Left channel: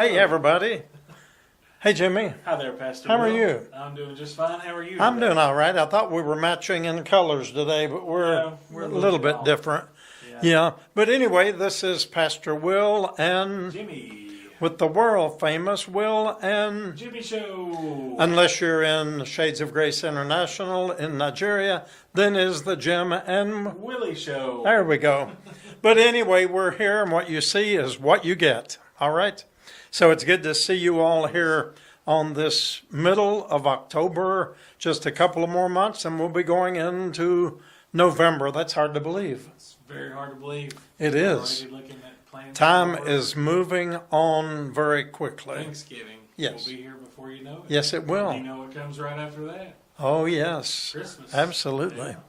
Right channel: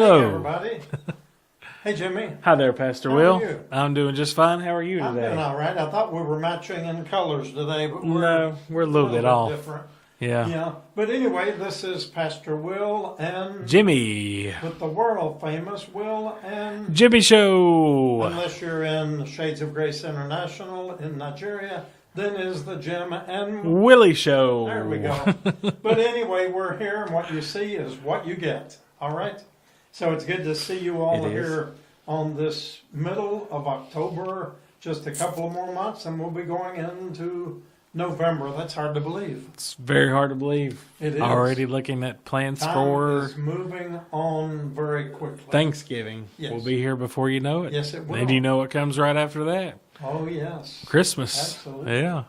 Hello. Hey, everybody. Hey, Jimmy. Hi there, Pastor How Will. are you? I'm doing just fine. How are you today? I'm doing all right. I thought we were matching in colors today, but we're a little bit off. different. Yeah. Yeah. But anyway, this is Pastor Will and Jimmy. with the world famous Will and Jimmy Show. unless you're in Shades of Grace International in Nigeria, then is the Jim and Willie Show. there we go. But anyway, we're here, and what you see is what you get. All right? So it's good to see you all here on this middle of October. Just a couple of more months, and we'll be going into November. That's hard to believe. It's very hard to believe. It is. Already looking at plans Time for is moving on very quickly. Thanksgiving. Yes. We'll be here before you know it. Yes, it will. And you know what comes right after that? Oh, yes. Christmas. Absolutely. Yeah.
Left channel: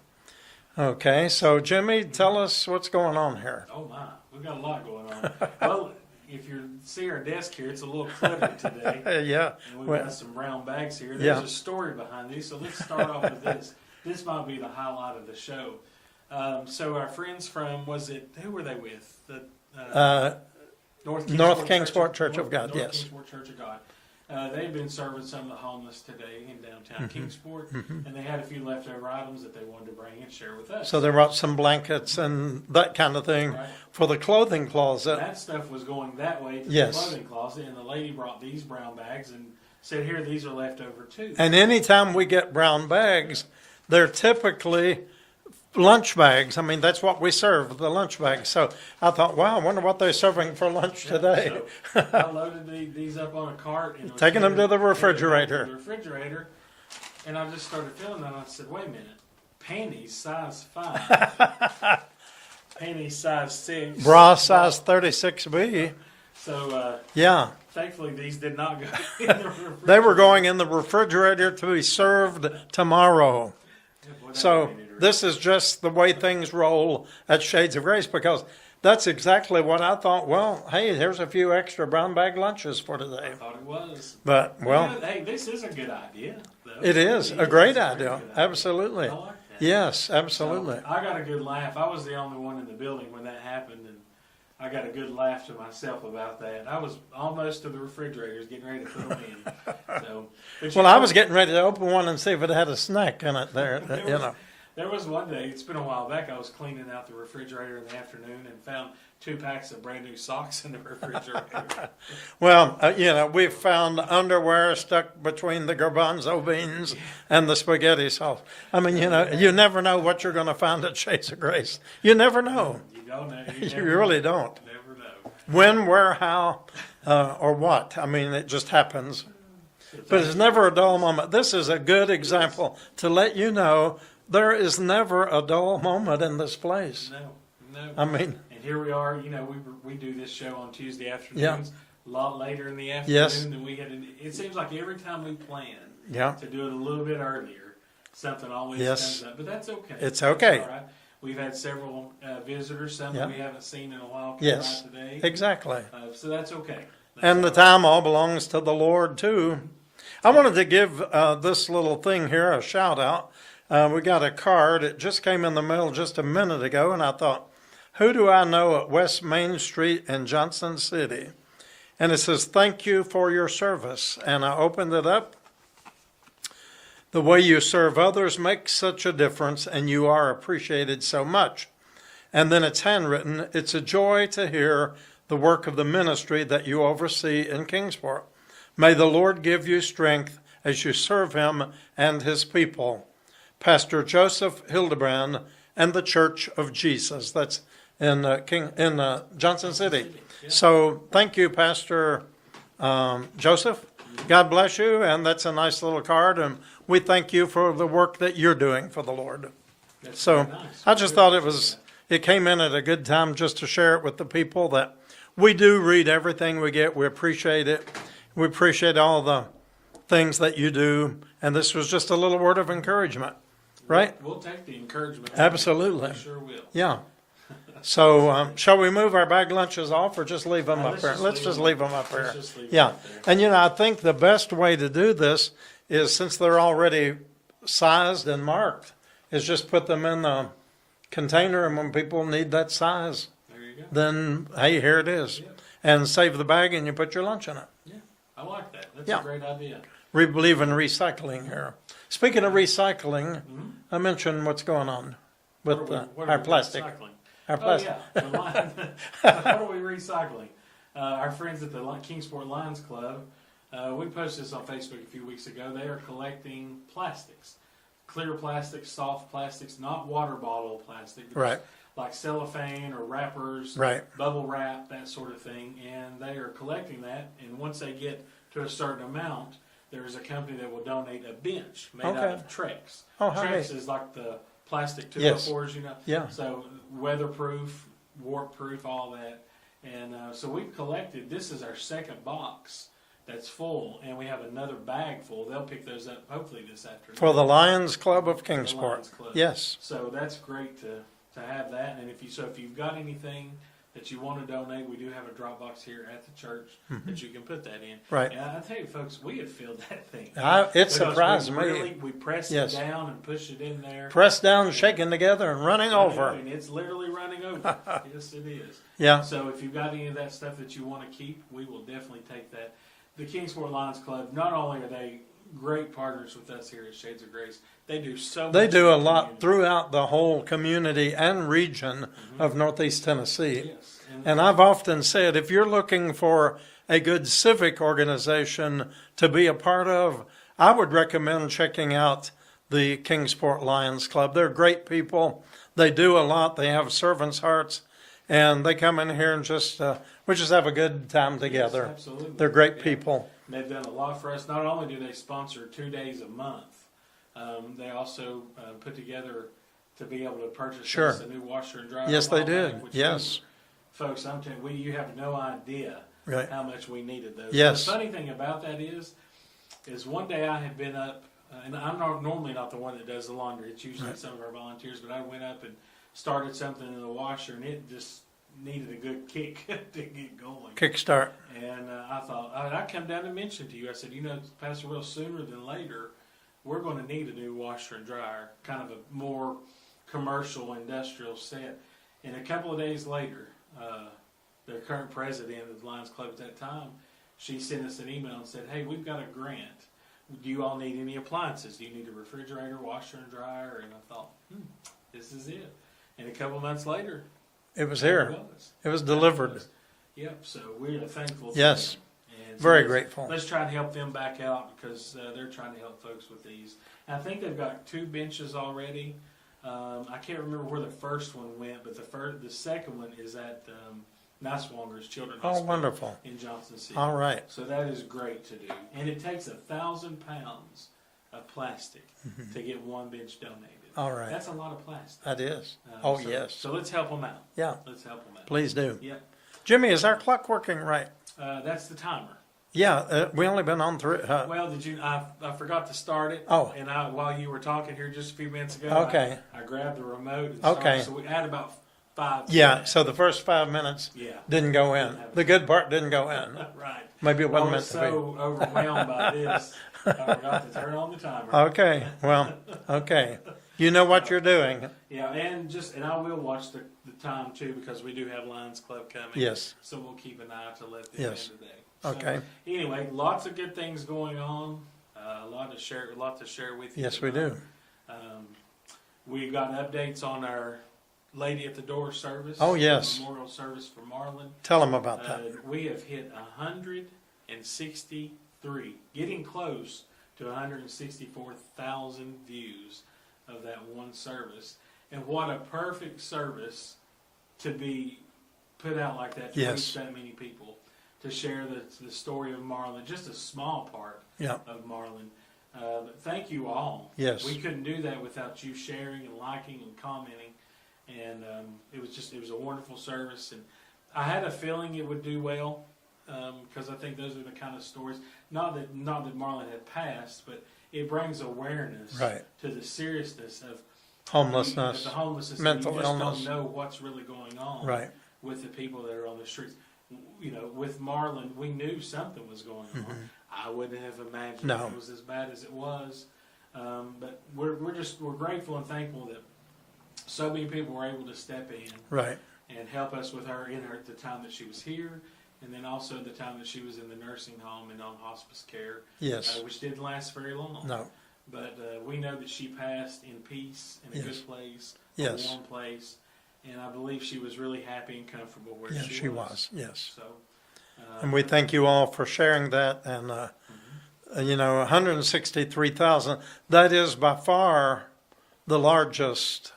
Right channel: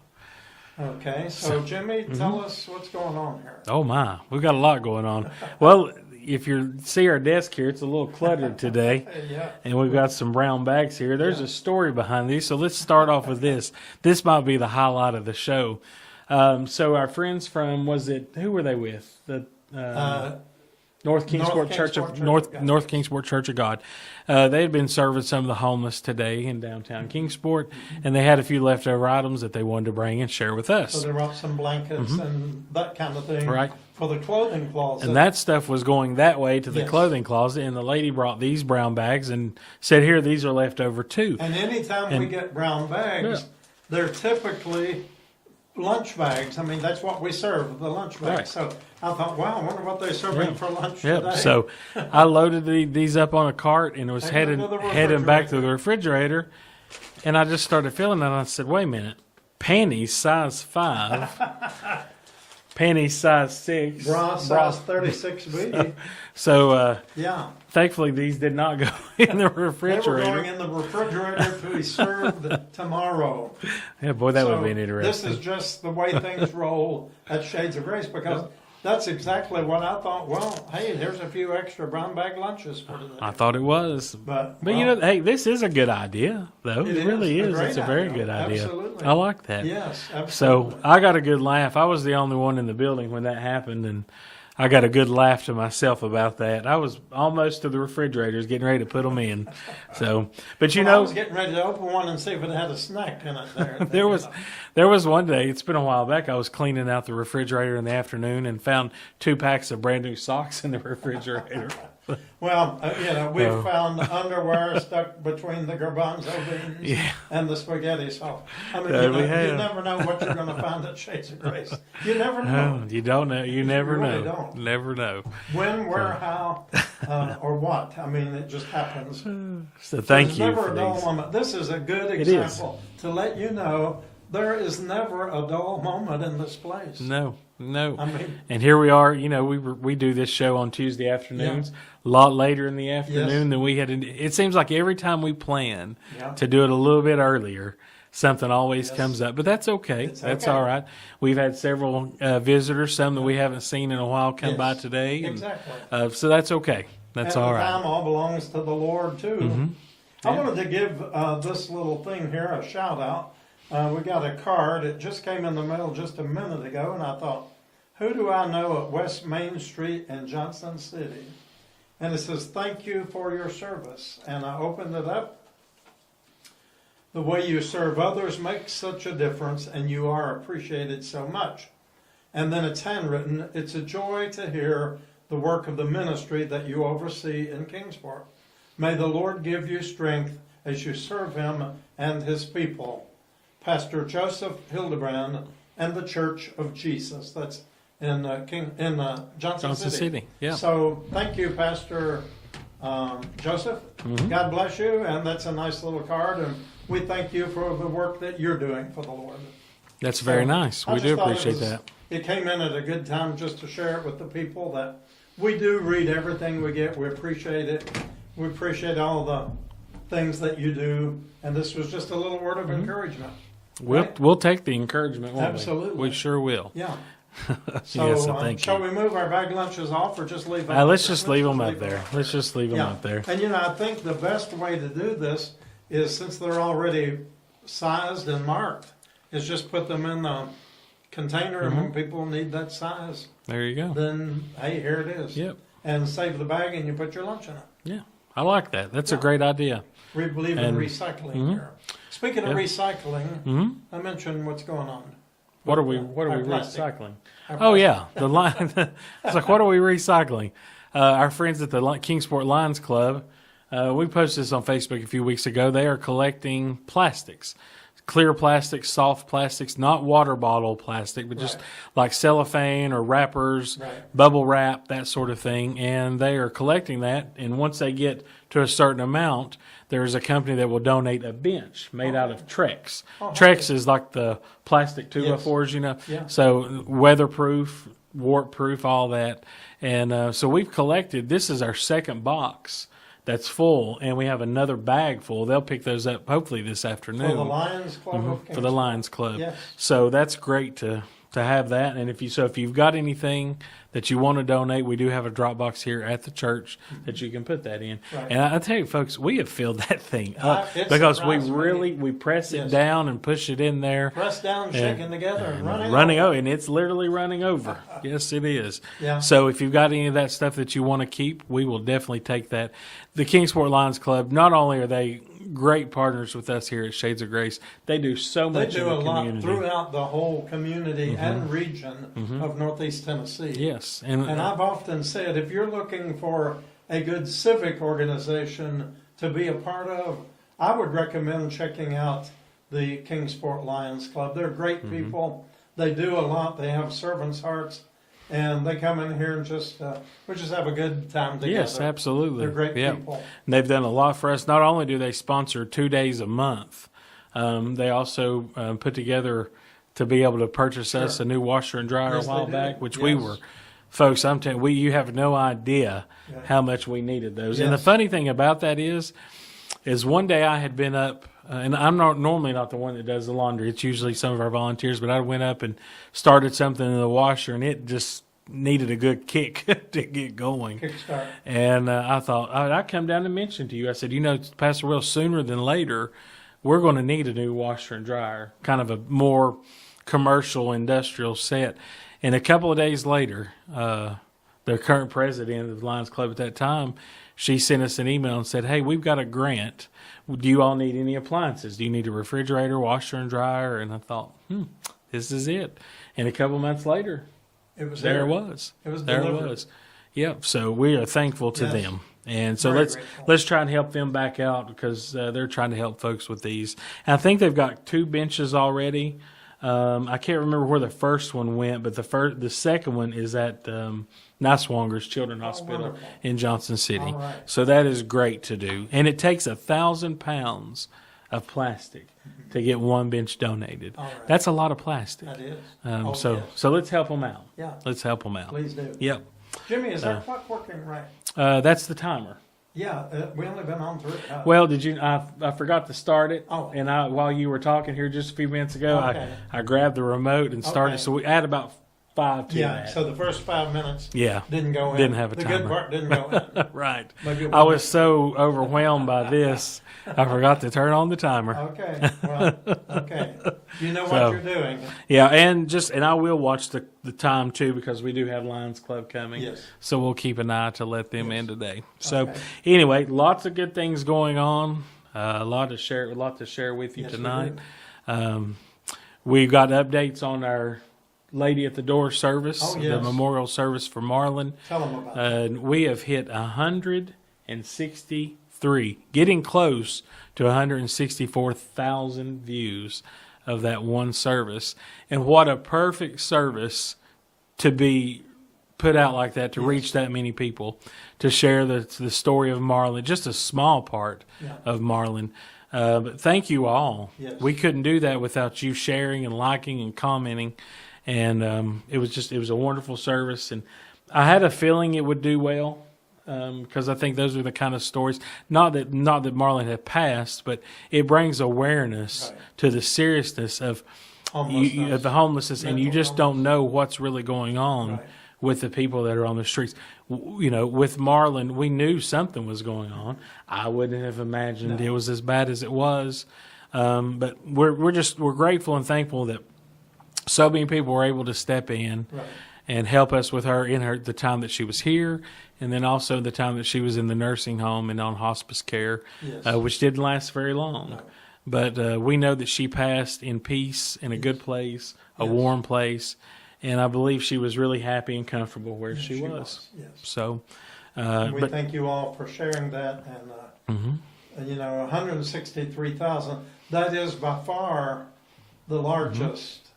Okay, so Jimmy, tell us what's going on here. Oh, my. We've got a lot going on. Well, if you see our desk here, it's a little cluttered today. Yeah. And we've got some brown bags here. There's Yeah. a story behind these. So let's start off with this. This might be the highlight of the show. So our friends from, who were they with? The North Kingsport North yes. Kingsport Church of God. They had been serving some of the homeless today in downtown Kingsport, and they had a few leftover items that they wanted to bring and share with us. So they brought some blankets and that kind of thing Right. for the clothing closet. And that stuff was going that way to the Yes. clothing closet, and the lady brought these brown bags and said, "Here, these are left over too." And anytime we get brown bags, they're typically lunch bags. I mean, that's what we serve, the lunch bags. Right. So I thought, wow, I wonder what they're serving for lunch Yep. today. So I loaded these up on a cart and was Taking them headed, to the headed back to refrigerator. the refrigerator. And I just started feeling it. And I said, wait a minute. Panties size 5. Panties size 6. Bra size 36B. So Yeah. thankfully these did not go in the refrigerator. They were going in the refrigerator to be served tomorrow. Yeah, boy, that So would be interesting. this is just the way things roll at Shades of Grace, because that's exactly what I thought. Well, hey, here's a few extra brown bag lunches for today. I thought it was. But, But you know, hey, this is a good idea, though. it really is a great It's a very idea. good idea. Absolutely. I like that. Yes, So absolutely. I got a good laugh. I was the only one in the building when that happened, and I got a good laugh to myself about that. I was almost to the refrigerators getting ready to put them in. So, but you Well, know, I was getting ready to open one and see if it had a snack in it there. there was one day, it's been a while back, I was cleaning out the refrigerator in the afternoon and found 2 packs of brand new socks in the refrigerator. Well, we've found underwear stuck between the garbanzo beans and the spaghetti sauce. I mean, we you have. never know what you're going to find at Shades of Grace. You never know. You don't know. You never really know. don't. Never know. When, where, how, or what. I mean, it just happens. So But thank it's you never for a dull these. moment. This is a good example to let you know there is never a dull moment in this place. No. I mean, And here we are. You know, we do this show on Tuesday afternoons, a lot later in the afternoon than we had. It seems like every time we plan to do it a little bit earlier, something always comes up. But that's okay. It's That's okay. all right. We've had several visitors, some that we haven't seen in a while, come by today. Exactly. So that's okay. That's And all the right. time all belongs to the Lord, too. I wanted to give this little thing here a shout out. We got a card. It just came in the mail just a minute ago, and I thought, who do I know at West Main Street in Johnson City? And it says, thank you for your service. And I opened it up. The way you serve others makes such a difference, and you are appreciated so much. And then it's handwritten. It's a joy to hear the work of the ministry that you oversee in Kingsport. May the Lord give you strength as you serve him and his people. Pastor Joseph Hildebrand and the Church of Jesus. That's in Johnson City. Yeah. So thank you, Pastor Joseph. God bless you. And that's a nice little card. And we thank you for the work that you're doing for the Lord. That's So very nice. I We just do thought appreciate that. it came in at a good time just to share it with the people that we do read everything we get. We appreciate it. We appreciate all the things that you do. And this was just a little word of encouragement. Right? We'll take the encouragement. won't we? Absolutely. We sure will. Yeah. Yes, So thank shall you. we move our bag lunches off or just leave them up Let's there? just leave them up there. up Let's there. just leave them Yeah. up there. And I think the best way to do this is, since they're already sized and marked, is just put them in the container, and when people need that size, There you go. then hey, here it is. Yep. and save the bag, and you put your lunch in it. Yeah, I like that. That's a great idea. We believe in recycling here. Speaking of recycling, I mentioned what's going on. What are we recycling? Oh yeah, the line. It's like, what are we recycling? Our friends at the Kingsport Lions Club, we posted this on Facebook a few weeks ago. They are collecting plastics, clear plastics, soft plastics, not water bottle plastic, but just like cellophane or wrappers, bubble wrap, that sort of thing. And they are collecting that. And once they get to a certain amount, there's a company that will donate a bench made out of Trex. Trex is like the plastic 2x4s, you know. Yeah. So weatherproof, warp proof, all that. And so we've collected, this is our second box that's full, and we have another bag full. They'll pick those up hopefully this afternoon. For the Lions Club of Kingsport. For the Lions Club. Yes. So that's great to have that. And if you've got anything that you want to donate, we do have a drop box here at the church that you can put that in. Right. And I tell you, folks, we have filled that thing because we press it down and push it in there. Press down, shaking together, and running over. And it's literally running over. Yes, it is. Yeah. So if you've got any of that stuff that you want to keep, we will definitely take that. The Kingsport Lions Club, not only are they great partners with us here at Shades of Grace, they do so much. They do a lot throughout the whole community and region of Northeast Tennessee. Yes. And I've often said, if you're looking for a good civic organization to be a part of, I would recommend checking out the Kingsport Lions Club. They're great people. They do a lot. They have servants' hearts. And they come in here and we just have a good time together. Yes, absolutely. They're great people. And they've done a lot for us. Not only do they sponsor 2 days a month, they also put together to be able to purchase us a new washer and dryer a while back, which we were. Folks, I'm telling you, you have no idea how much we needed those. And the funny thing about that is one day I had been up, and I'm normally not the one that does the laundry. It's usually some of our volunteers, but I went up and started something in the washer, and it just needed a good kick to get going. Kickstart. And I thought, I'd come down and mention to you. I said, Pastor Will, sooner than later, we're going to need a new washer and dryer, kind of a more commercial, industrial set. And a couple of days later, the current president of the Lions Club at that time, she sent us an email and said, hey, we've got a grant. Do you all need any appliances? Do you need a refrigerator, washer, and dryer? And I thought, this is it. And a couple months later, it was there. It was. It was delivered. Yep. So we are thankful to them. And so let's try and help them back out because they're trying to help folks with these. And I think they've got 2 benches already. I can't remember where the first one went, but the second one is at Niswonger's Children's Hospital in Johnson City. All right. So that is great to do. And it takes 1,000 pounds of plastic to get 1 bench donated. All right. That's a lot of plastic. That is. So let's help them out. Yeah. Let's help them out. Please do. Yep. Jimmy, is our clock working right? That's the timer. Yeah, we only been on through. Well, did you? I forgot to start it. Oh, and while you were talking here just a few minutes ago, I grabbed the remote and started. So we add about 5. Yeah. So the first 5 minutes. Didn't go in. Didn't have a the timer. Good part didn't go in. Right. Maybe I was so overwhelmed by this. I forgot to turn on the timer. Okay. Well, okay. You know what you're doing. Yeah, and I will watch the time too because we do have Lions Club coming. Yes. So we'll keep an eye to let them in today. So anyway, lots of good things going on. A lot to share with you tonight. We do. We've got updates on our Lady at the Door service. Oh, yes. The memorial service for Marlin. Tell them about that. We have hit 163, getting close to 164,000 views of that one service. And what a perfect service to be put out like that, to reach that many people, to share the story of Marlin, just a small part of Marlin. But thank you all. Yes. We couldn't do that without you sharing and liking and commenting. And it was a wonderful service. And I had a feeling it would do well. Because I think those are the kind of stories. Not that Marlin had passed, but it brings awareness to the seriousness of homelessness, the homelessness, and you just don't illness. know what's really going on with the people that are on the streets. With Marlin, we knew something was going on. I wouldn't have imagined it was as bad as it was. But we're grateful and thankful that so many people were able to step in and help us with her in the time that she was here. and then also the time that she was in the nursing home and on hospice care, Yes. Which didn't last very long. No. But we know that she passed in peace, in a good place, a warm place, and I believe she was really happy and comfortable where she was. Yes. So, and we thank you all for sharing that. And, 163,000, that is by far the largest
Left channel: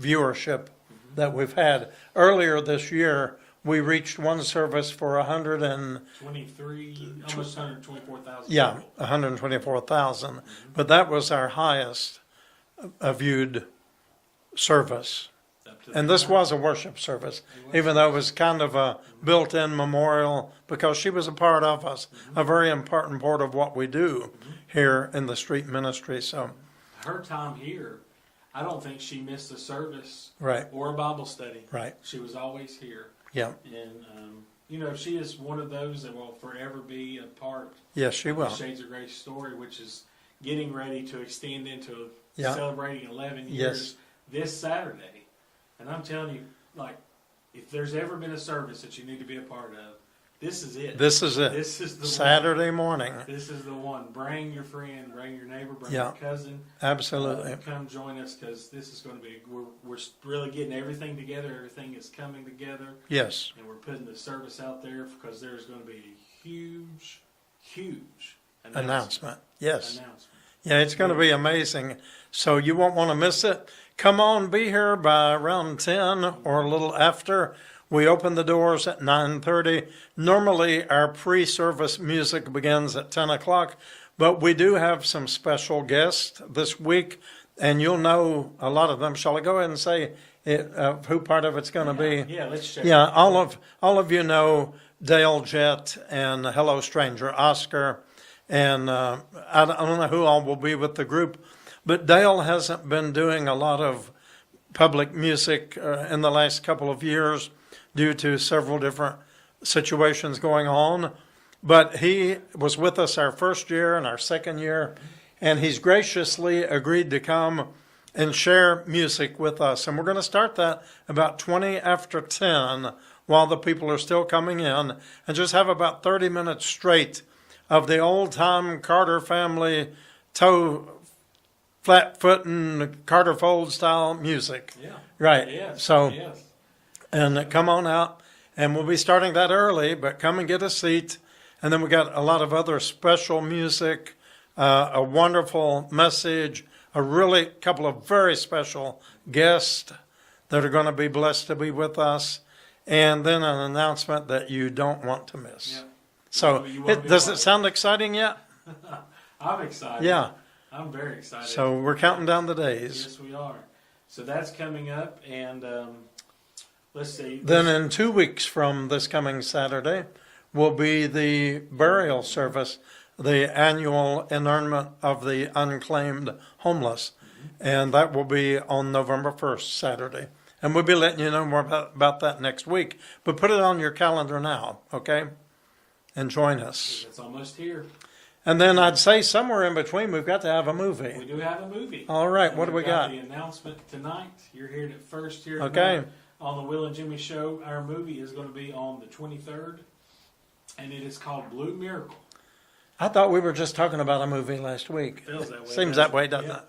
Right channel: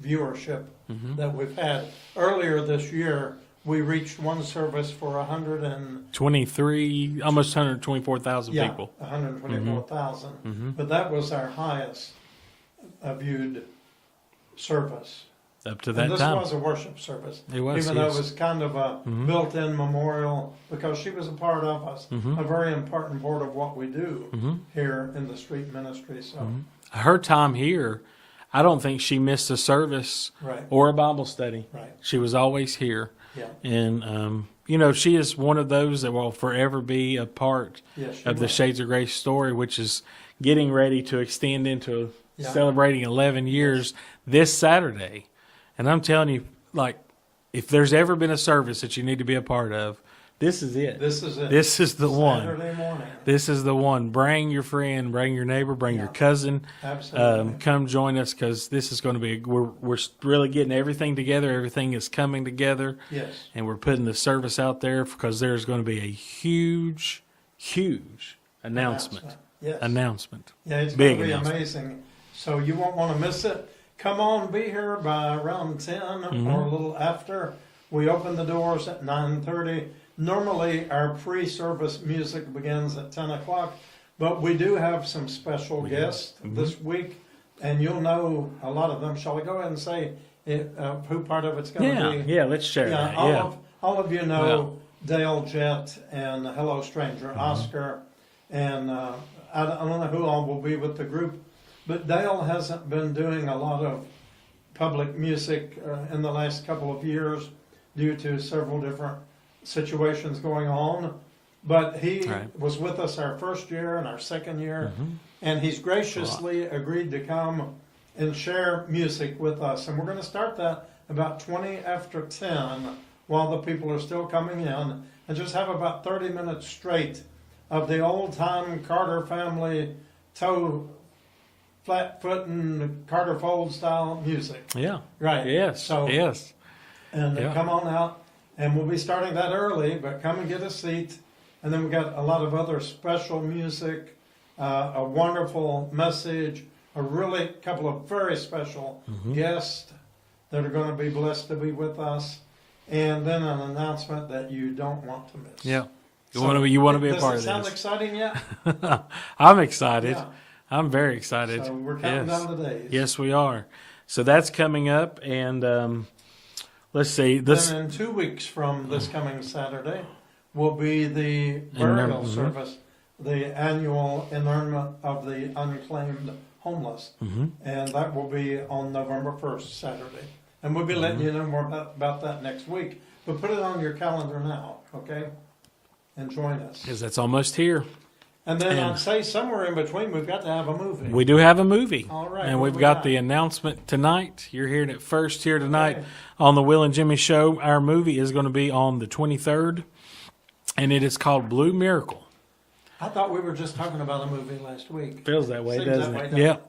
viewership that we've had. Earlier this year, we reached one service for 123, almost 124,000 people. 124,000. But that was our highest viewed service. Up to that And this time. was a worship service, It was, even though it yes. was kind of a built-in memorial, because she was a part of us, a very important part of what we do here in the street ministry. So, Her time here, I don't think she missed a service Right. or a Bible study. Right. She was always here. yeah, And, she is one of those that will forever be a part yes, she of will. the Shades of Grace story, which is getting ready to extend into Yeah. celebrating 11 years this Saturday. And I'm telling you, like, if there's ever been a service that you need to be a part of, this is it. This is it. This is the Saturday morning. This is the one. Bring your friend, bring your neighbor, bring your Yeah. cousin. Absolutely. Come join us, because this is going to be. We're really getting everything together. Everything is coming together, Yes. and we're putting the service out there because there's going to be a huge announcement. Yes. Announcement. Yeah, it's going to Big be announcement. amazing. So you won't want to miss it. Come on, be here by around 10 or a little after. We open the doors at 9:30. Normally, our pre-service music begins at 10 o'clock, but we do have some special guests this week, and you'll know a lot of them. Shall I go ahead and say who part of it's going to be? Yeah, let's share. Yeah, that. all of you know Dale Jett and Hello Stranger, Oscar, and I don't know who all will be with the group, but Dale hasn't been doing a lot of public music in the last couple of years due to several different situations going on. But he was with us our first year and our second year, and he's graciously agreed to come and share music with us. And we're going to start that about 20 after 10 while the people are still coming in, and just have about 30 minutes straight of the old-time Carter family flat-footing Carter Fold style music. Yeah. Right. Yes. So yes. and come on out, and we'll be starting that early, but come and get a seat. And then we got a lot of other special music, a wonderful message, a really couple of very special guests that are going to be blessed to be with us, and then an announcement that you don't want to miss. Yeah. You want to be a does part it of sound this. exciting yet? I'm excited. Yeah. I'm very excited. So we're counting Yes. down the days. Yes, we are. So that's coming up, and let's see. This, Then in 2 weeks from this coming Saturday will be the burial service, the annual inurnment of the unclaimed homeless. And that will be on November 1st, Saturday. And we'll be letting you know more about that next week. But put it on your calendar now, okay? And join us. because that's almost here. And then I'd say somewhere in between, we've got to have a movie. We do have a movie. All right, And what do we've we got got? the announcement tonight. You're hearing it first here tonight Okay. on the Will and Jimmy Show. Our movie is going to be on the 23rd, and it is called Blue Miracle. I thought we were just talking about a movie last week. Feels that way. Seems doesn't that way, it? doesn't Yeah. it?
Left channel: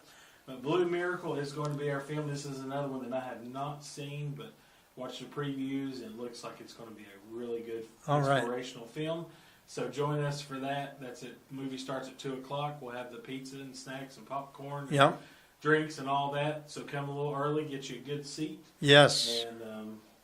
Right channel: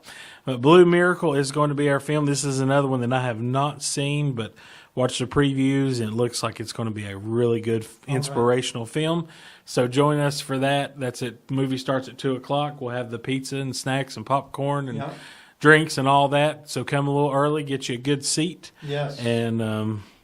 But Blue Miracle is going to be our film. This is another one that I have not seen, but watched the previews, and it looks like it's going to be a really good, All right. inspirational film. So join us for that. That's it. The movie starts at 2:00. We'll have the pizza and snacks and popcorn and Yep. drinks and all that. So come a little early, get you a good seat, Yes. and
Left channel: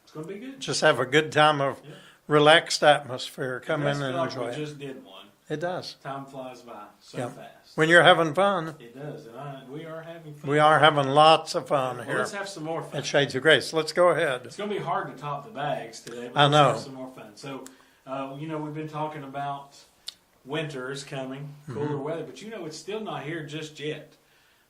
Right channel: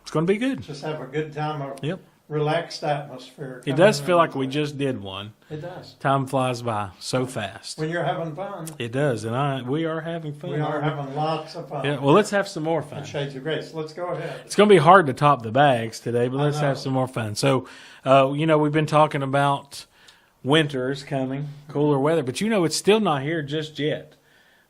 it's going to be good. Just have a good time of Yep. relaxed atmosphere. It Come does in feel and like we enjoy it. just did one. It does. Time flies by so fast. When you're having fun, It does, and we are having fun. we are having lots of fun. Yeah, well, here let's have some more fun. at Shades of Grace. Let's go ahead. It's going to be hard to top the bags today, but I let's know. have some more fun. So, we've been talking about winter's coming, cooler Mm-hmm. weather, but it's still not here just yet.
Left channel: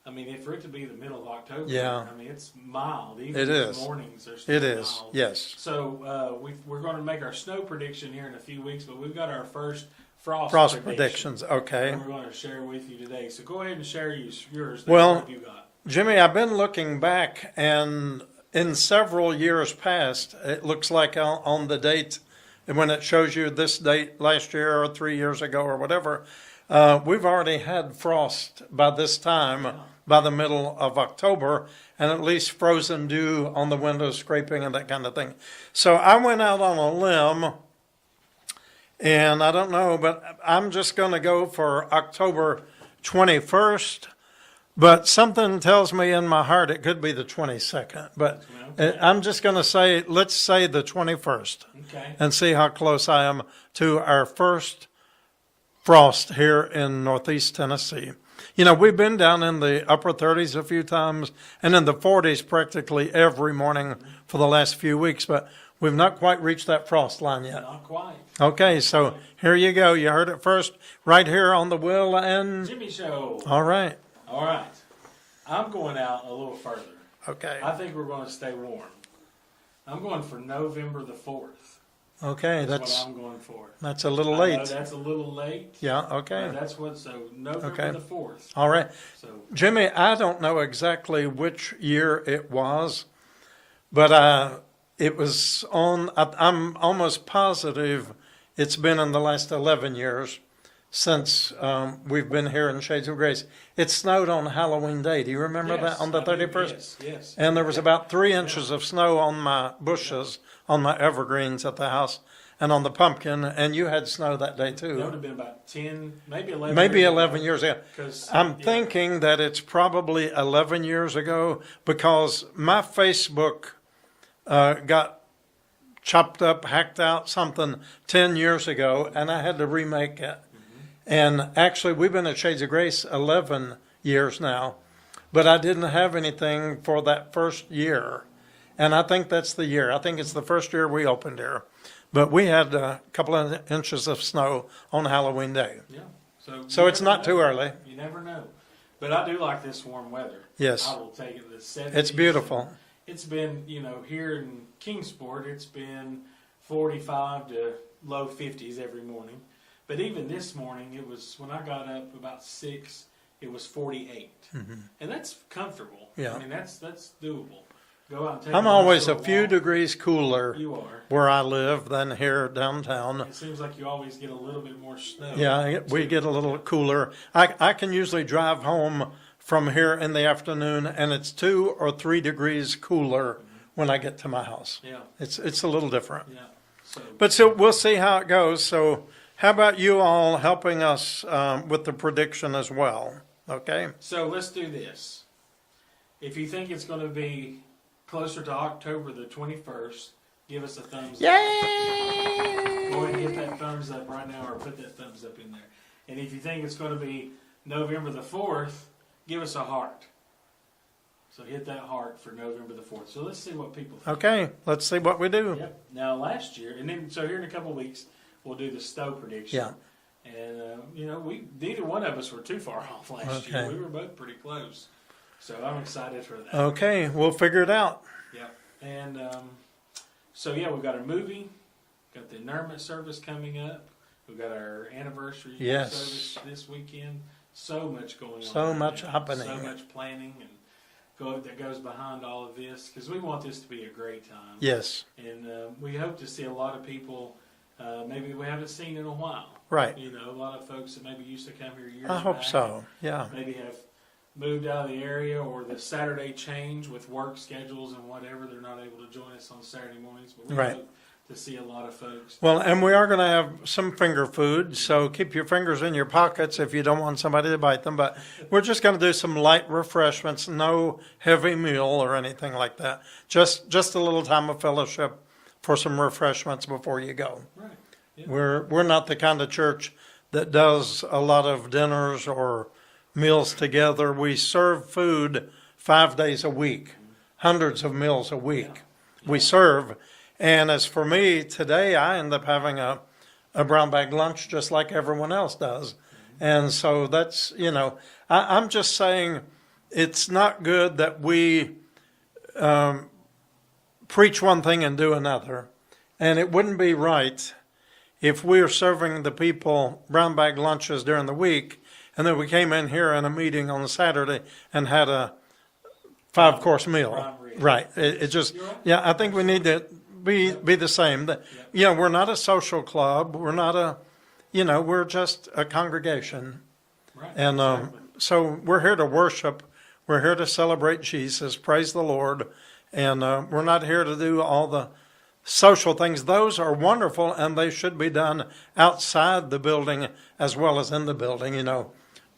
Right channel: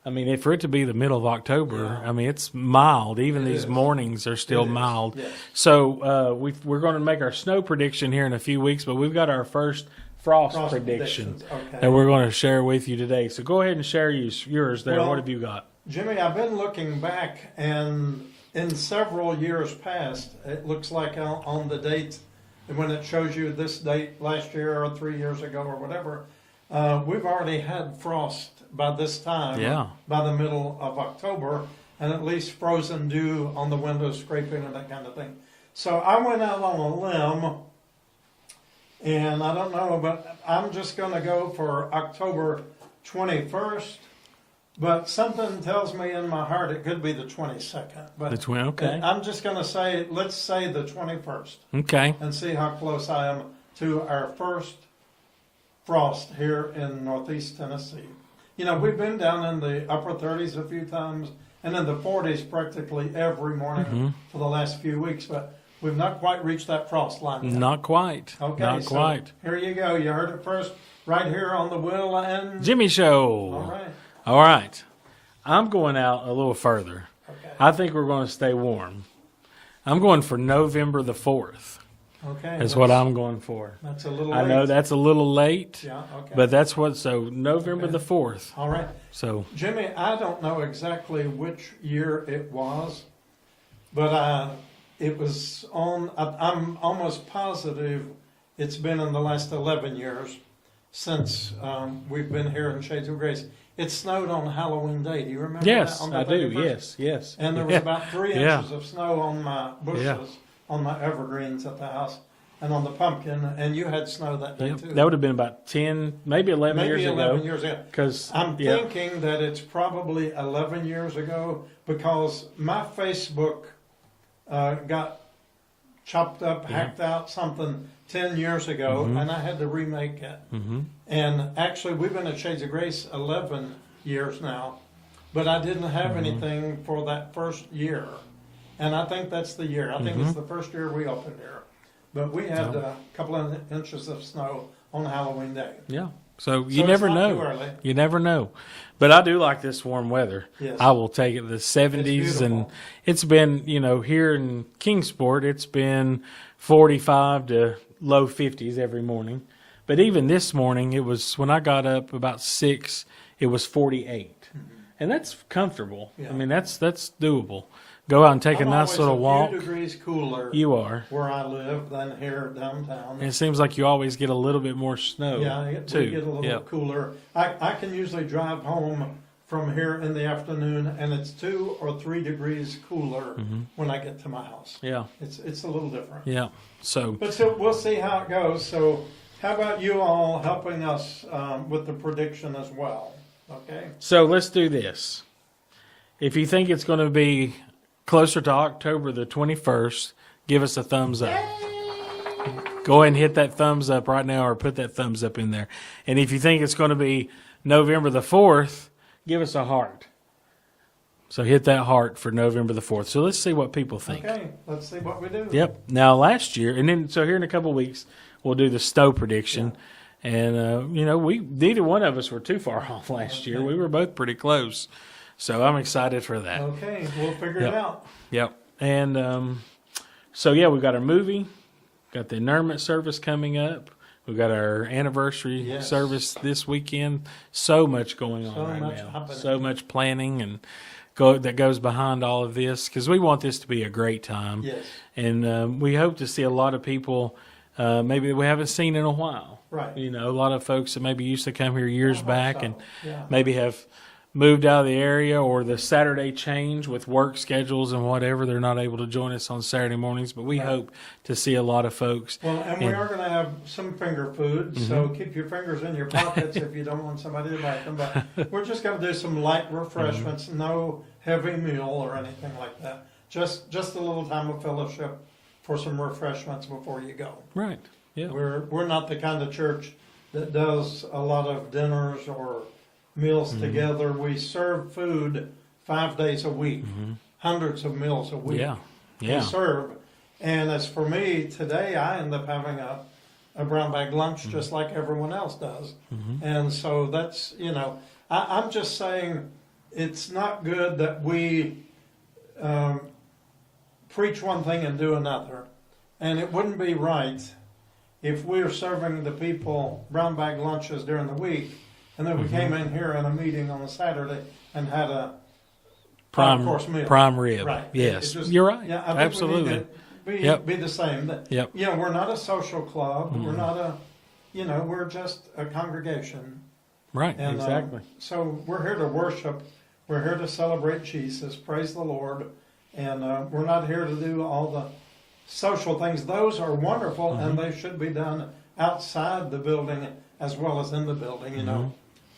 I mean, for it to be the middle of October, Yeah. I mean, it's mild. Even It these is. mornings are still It is, mild. yes. So we're going to make our snow prediction here in a few weeks, but we've got our first frost prediction, predictions. Okay. and we're going to share with you today. So go ahead and share yours. There. Well, What have you got? Jimmy, I've been looking back, and in several years past, it looks like on the date when it shows you this date last year or 3 years ago or whatever, we've already had frost by this time, by the middle of October, and at least frozen dew on the windows, scraping and that kind of thing. So I went out on a limb, and I don't know, but I'm just going to go for October 21st. But something tells me in my heart it could be the 22nd. But okay. I'm just going to say, let's say the 21st. Okay. And see how close I am to our first frost here in Northeast Tennessee. You know, we've been down in the upper 30s a few times and in the 40s practically every morning for the last few weeks, but we've not quite reached that frost line yet. Not quite. Okay, not so quite. Here you go. You heard it first right here on the Will and Jimmy Show. All right. All right. I'm going out a little further. Okay. I think we're going to stay warm. I'm going for November the 4th. Okay. That's what I'm going for. That's a little late. I know that's a little late. Yeah, okay. But that's so November the 4th. All right. So, Jimmy, I don't know exactly which year it was, but it was on, I'm almost positive it's been in the last 11 years since we've been here in Shades of Grace. It snowed on Halloween Day. Do you remember that? On the 31st? Yes. And there was about 3 inches of snow on my bushes, on my evergreens at the house, and on the pumpkin, and you had snow that day too. That would have been about 10, maybe 11 maybe years 11 ago. years ago. Because I'm thinking that it's probably 11 years ago because my Facebook got chopped up, hacked out something 10 years ago, and I had to remake it. And actually, we've been at Shades of Grace 11 years now, but I didn't have anything for that first year. And I think that's the year. I think it's the first year we opened here. But we had a couple of inches of snow on Halloween Day. Yeah. So it's never not know. too early. You never know. But I do like this warm weather. Yes. I will take it. The 70s. It's beautiful. And it's been, here in Kingsport, it's been 45 to low 50s every morning. But even this morning, it was, when I got up about 6, it was 48. And that's comfortable. Yeah. I mean, that's doable. Go out and take a nice always little a walk. few degrees cooler You are. where I live than here downtown. And it seems like you always get a little bit more snow. Yeah, we too. get a little cooler. I can usually drive home from here in the afternoon, and it's 2 or 3 degrees cooler when I get to my house. Yeah. It's a little different. Yeah. But so we'll see how it goes. So how about you all helping us with the prediction as well? Okay. So let's do this. If you think it's going to be closer to October the 21st, give us a thumbs up. Yay! Go ahead and hit that thumbs up right now or put that thumbs up in there. And if you think it's going to be November the 4th, give us a heart. So hit that heart for November the 4th. So let's see what people think. Okay, let's see what we do. Yep. Now last year, and then so here in a couple of weeks, we'll do the Stowe prediction. Yeah. And, we neither one of us were too far off last year. We were both pretty close. So I'm excited for that. Okay, we'll figure it out. Yep. And we've got our movie, got the interment service coming up. We've got our anniversary service this weekend. So much going on. So much happening. So much planning and that goes behind all of this because we want this to be a great time. Yes. And we hope to see a lot of people maybe we haven't seen in a while. Right. A lot of folks that maybe used to come here years back and Yeah. maybe have moved out of the area or the Saturday change with work schedules and whatever. They're not able to join us on Saturday mornings, but we hope to see a lot of folks. Well, and we are going to have some finger food, so keep your fingers in your pockets if you don't want somebody to bite them. But we're just going to do some light refreshments, no heavy meal or anything like that. Just a little time of fellowship for some refreshments before you go. Right. Yeah. We're not the kind of church that does a lot of dinners or meals together. We serve food 5 days a week, hundreds of meals a week. Yeah. We serve. And as for me, today I end up having a brown bag lunch just like everyone else does. And so that's, I'm just saying it's not good that we preach one thing and do another. And it wouldn't be right if we're serving the people brown bag lunches during the week and then we came in here in a meeting on a Saturday and had a 5-course meal. Prime rib. Right. Yes. It just, You're right. Yeah, I think we need to be the same. Yep. We're not a social club. We're not we're just a congregation. Right. And exactly. So we're here to worship. We're here to celebrate Jesus. Praise the Lord. And we're not here to do all the social things. Those are wonderful, and they should be done outside the building as well as in the building.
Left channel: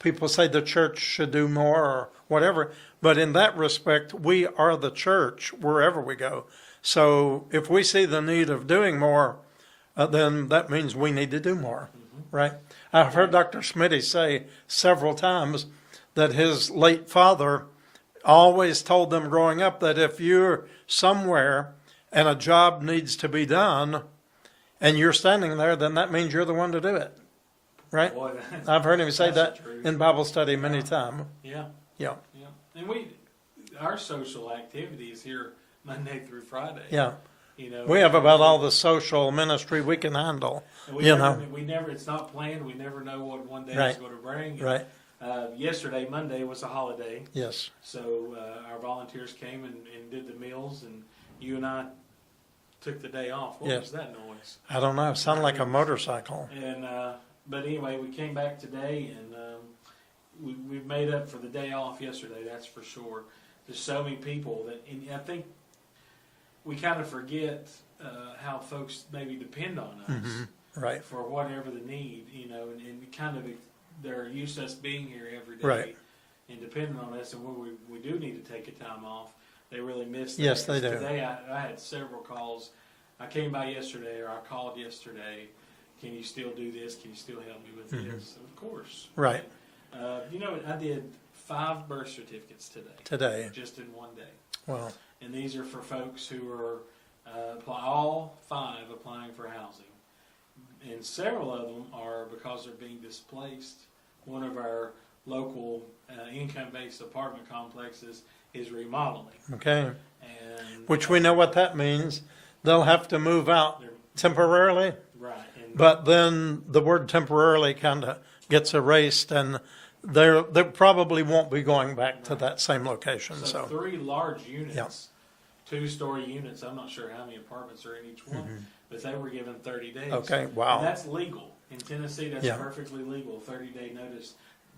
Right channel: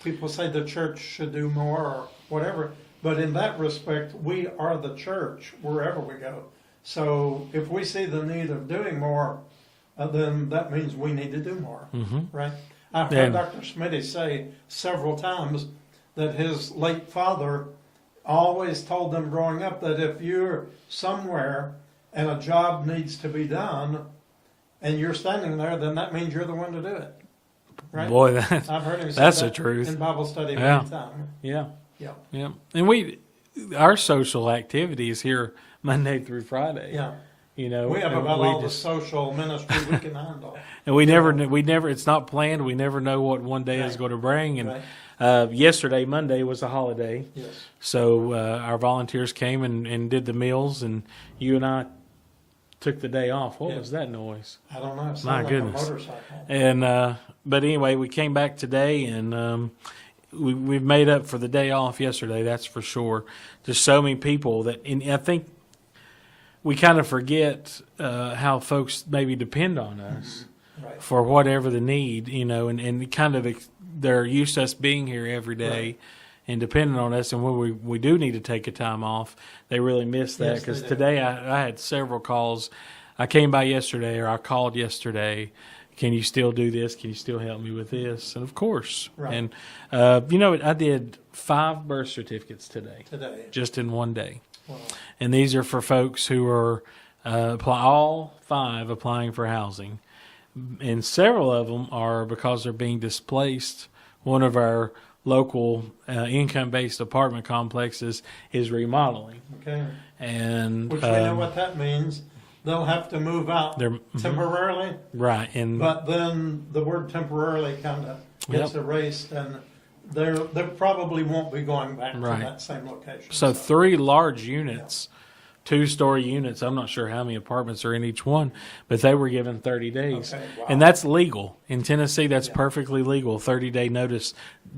People say the church should do more or whatever, but in that respect, we are the church wherever we go. So if we see the need of doing more, then that means we need to do more, right? I've heard Dr. Smitty say several times that his late father always told them growing up that if you're somewhere and a job needs to be done and you're standing there, then that means you're the one to do it. Right? Boy, I've heard him say that's that the truth. in Bible study many times. Yeah. Yeah. Yeah. And our social activities here Monday through Friday. Yeah. We have about all the social ministry we can handle. And we never, it's not planned. We never know what one day is going to bring. And yesterday, Monday, was a holiday. Yes. So our volunteers came and did the meals, and you and I took the day off. What was that noise? I don't know. It sounded like a motorcycle. And but anyway, we came back today, and we've made up for the day off yesterday. That's for sure. There's so many people and I think we kind of forget how folks maybe depend on us right. for whatever the need, and kind of they're used to us being here every day. Right. And depending on us, and when we do need to take a time off, they really miss that. Yes, because they do. today I had several calls. I came by yesterday, or I called yesterday. Can you still do this? Can you still help me with this? And of course. Right. And, I did 5 birth certificates today. Just in one day. Wow. And these are for folks who are all 5 applying for housing. And several of them are because they're being displaced. One of our local income-based apartment complexes is remodeling. Okay. And which we know what that means. They'll have to move out temporarily. Right. But then the word temporarily kind of gets erased, and they probably won't be going back to that same location. So 3 large units, 2-story units. I'm not sure how many apartments are in each one, but they were given 30 days. Okay, wow. And that's legal. In Tennessee, that's perfectly legal. 30-day notice.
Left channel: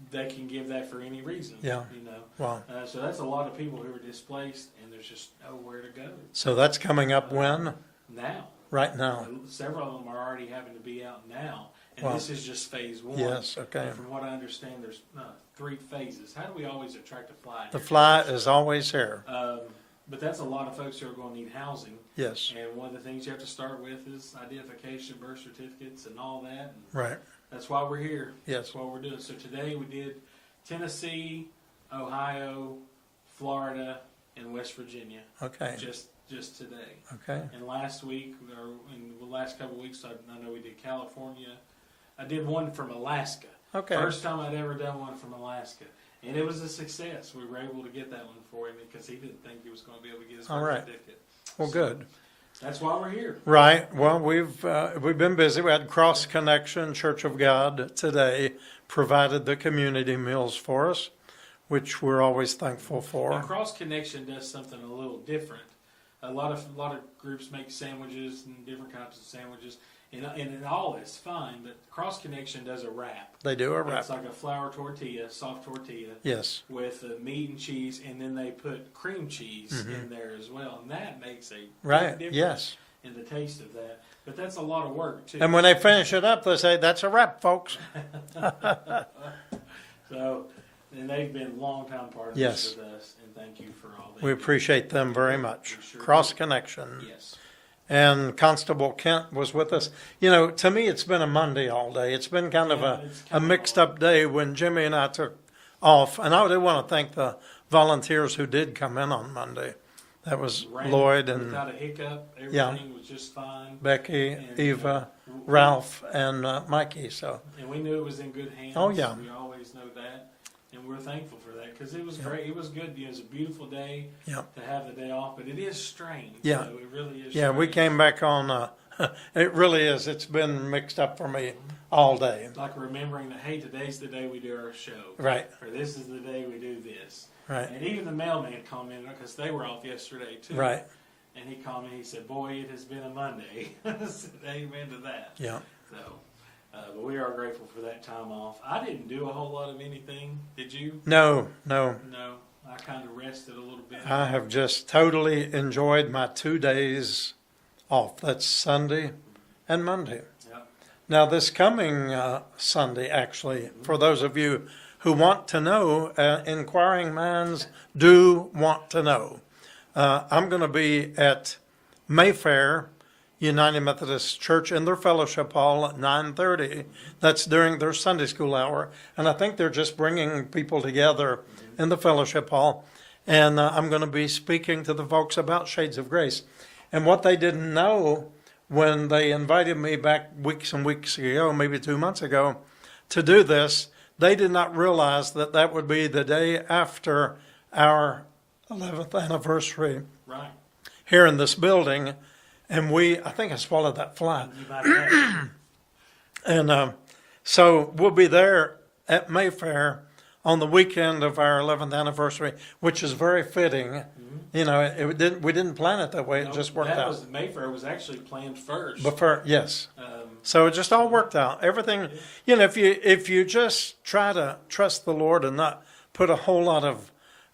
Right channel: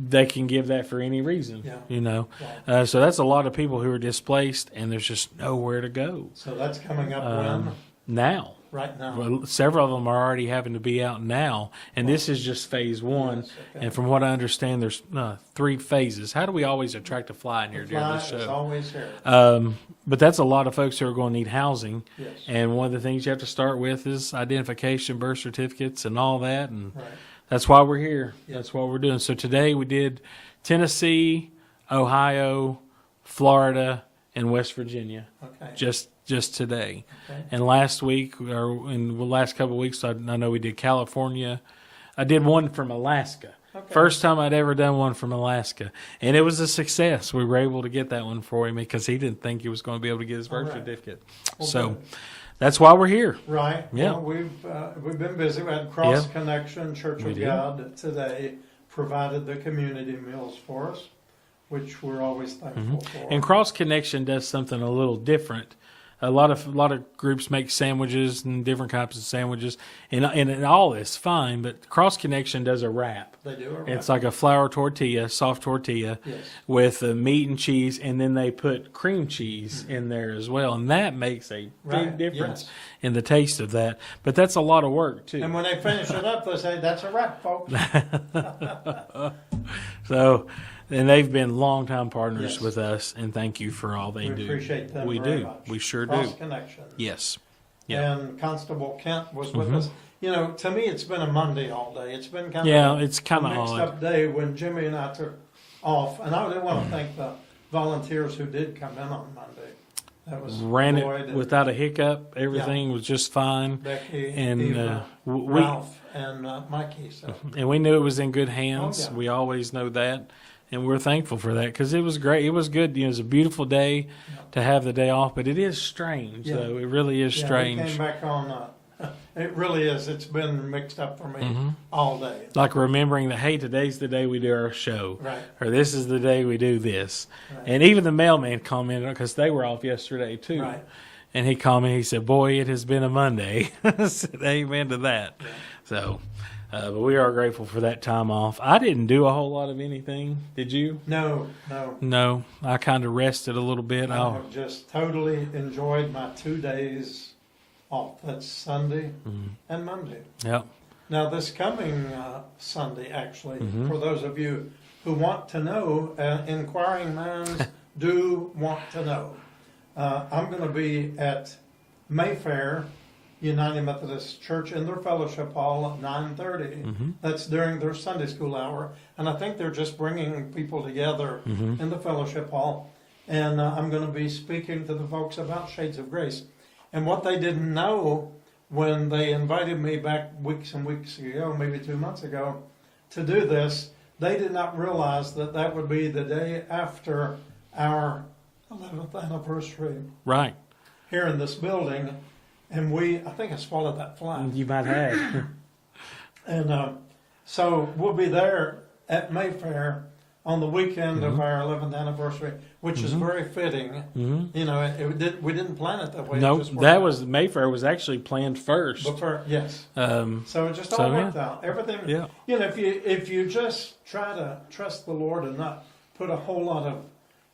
They can give that for any reason. Yeah. Wow. So that's a lot of people who are displaced, and there's just nowhere to go. So that's coming up when? Now. Right now. Well, several of them are already having to be out now, and this is just phase 1. Yes, okay. And from what I understand, there's 3 phases. How do we always attract a fly in here? The fly is always here. But that's a lot of folks who are going to need housing. Yes. And one of the things you have to start with is identification, birth certificates, and all that. And right. That's why we're here. Yes. That's what we're doing. So today we did Tennessee, Ohio, Florida, and West Virginia. Okay. Just today. Okay. And last week, or in the last couple of weeks, I know we did California. I did one from Alaska. Okay. First time I'd ever done one from Alaska. And it was a success. We were able to get that one for him because he didn't think he was going to be able to get his birth certificate. Well, so good. That's why we're here. Right. Yeah. Well, we've been busy. We had Cross Connection Church of God today provided the community meals for us, which we're always thankful for. And Cross Connection does something a little different. A lot of groups make sandwiches and different types of sandwiches, and all is fine. But Cross Connection does a wrap. They do a wrap. It's like a flour tortilla, soft tortilla, yes, with meat and cheese, and then they put cream cheese in there as well, and that makes a big difference in the taste of that. But that's a lot of work too. And when they finish it up, they say, "That's a wrap, folks." So. And they've been longtime partners with us, and thank you for all they do. We appreciate them very much. We sure Cross do. Connection. Yes. And Constable Kent was with us. To me, it's been a Monday all day. It's been kind of a mixed up day when Jimmy and I took off. And I did want to thank the volunteers who did come in on Monday. That was Lloyd and without a hiccup. Everything was just fine. Becky, and Eva, Ralph, and Mikey. And we knew it was in good hands. Oh, yeah. We always know that. And we're thankful for that because it was great. It was good. It was a beautiful day to have the day off, but it is strange. Yeah. Though. It really is strange. strange. We came back on, it really is. It's been mixed up for me all day. Like remembering that, hey, today's the day we do our show. Right. Or this is the day we do this. Right. And even the mailman commented because they were off yesterday too. Right. And he called me. He said, "Boy, it has been a Monday." I said, "Amen to that." Yeah. So, but we are grateful for that time off. I didn't do a whole lot of anything. Did you? No. No. I kind of rested a little bit. I have just totally enjoyed my 2 days off. That's Sunday and Monday. Yep. Now, this coming Sunday, actually, for those of you who want to know, inquiring minds do want to know, I'm going to be at Mayfair United Methodist Church in their fellowship hall at 9:30. That's during their Sunday school hour. And I think they're just bringing people together in the fellowship hall. And I'm going to be speaking to the folks about Shades of Grace. And what they didn't know when they invited me back weeks and weeks ago, maybe 2 months ago, to do this, they did not realize that that would be the day after our 11th anniversary. Right. Here in this building. And I think I swallowed that fly. You might have. And so we'll be there at Mayfair on the weekend of our 11th anniversary, which is very fitting. You know, we didn't plan it that way. No, it just worked that out. was Mayfair was actually planned first. Yes. So it just all worked out. Everything. Yeah. You know, if you just try to trust the Lord and not put a whole lot of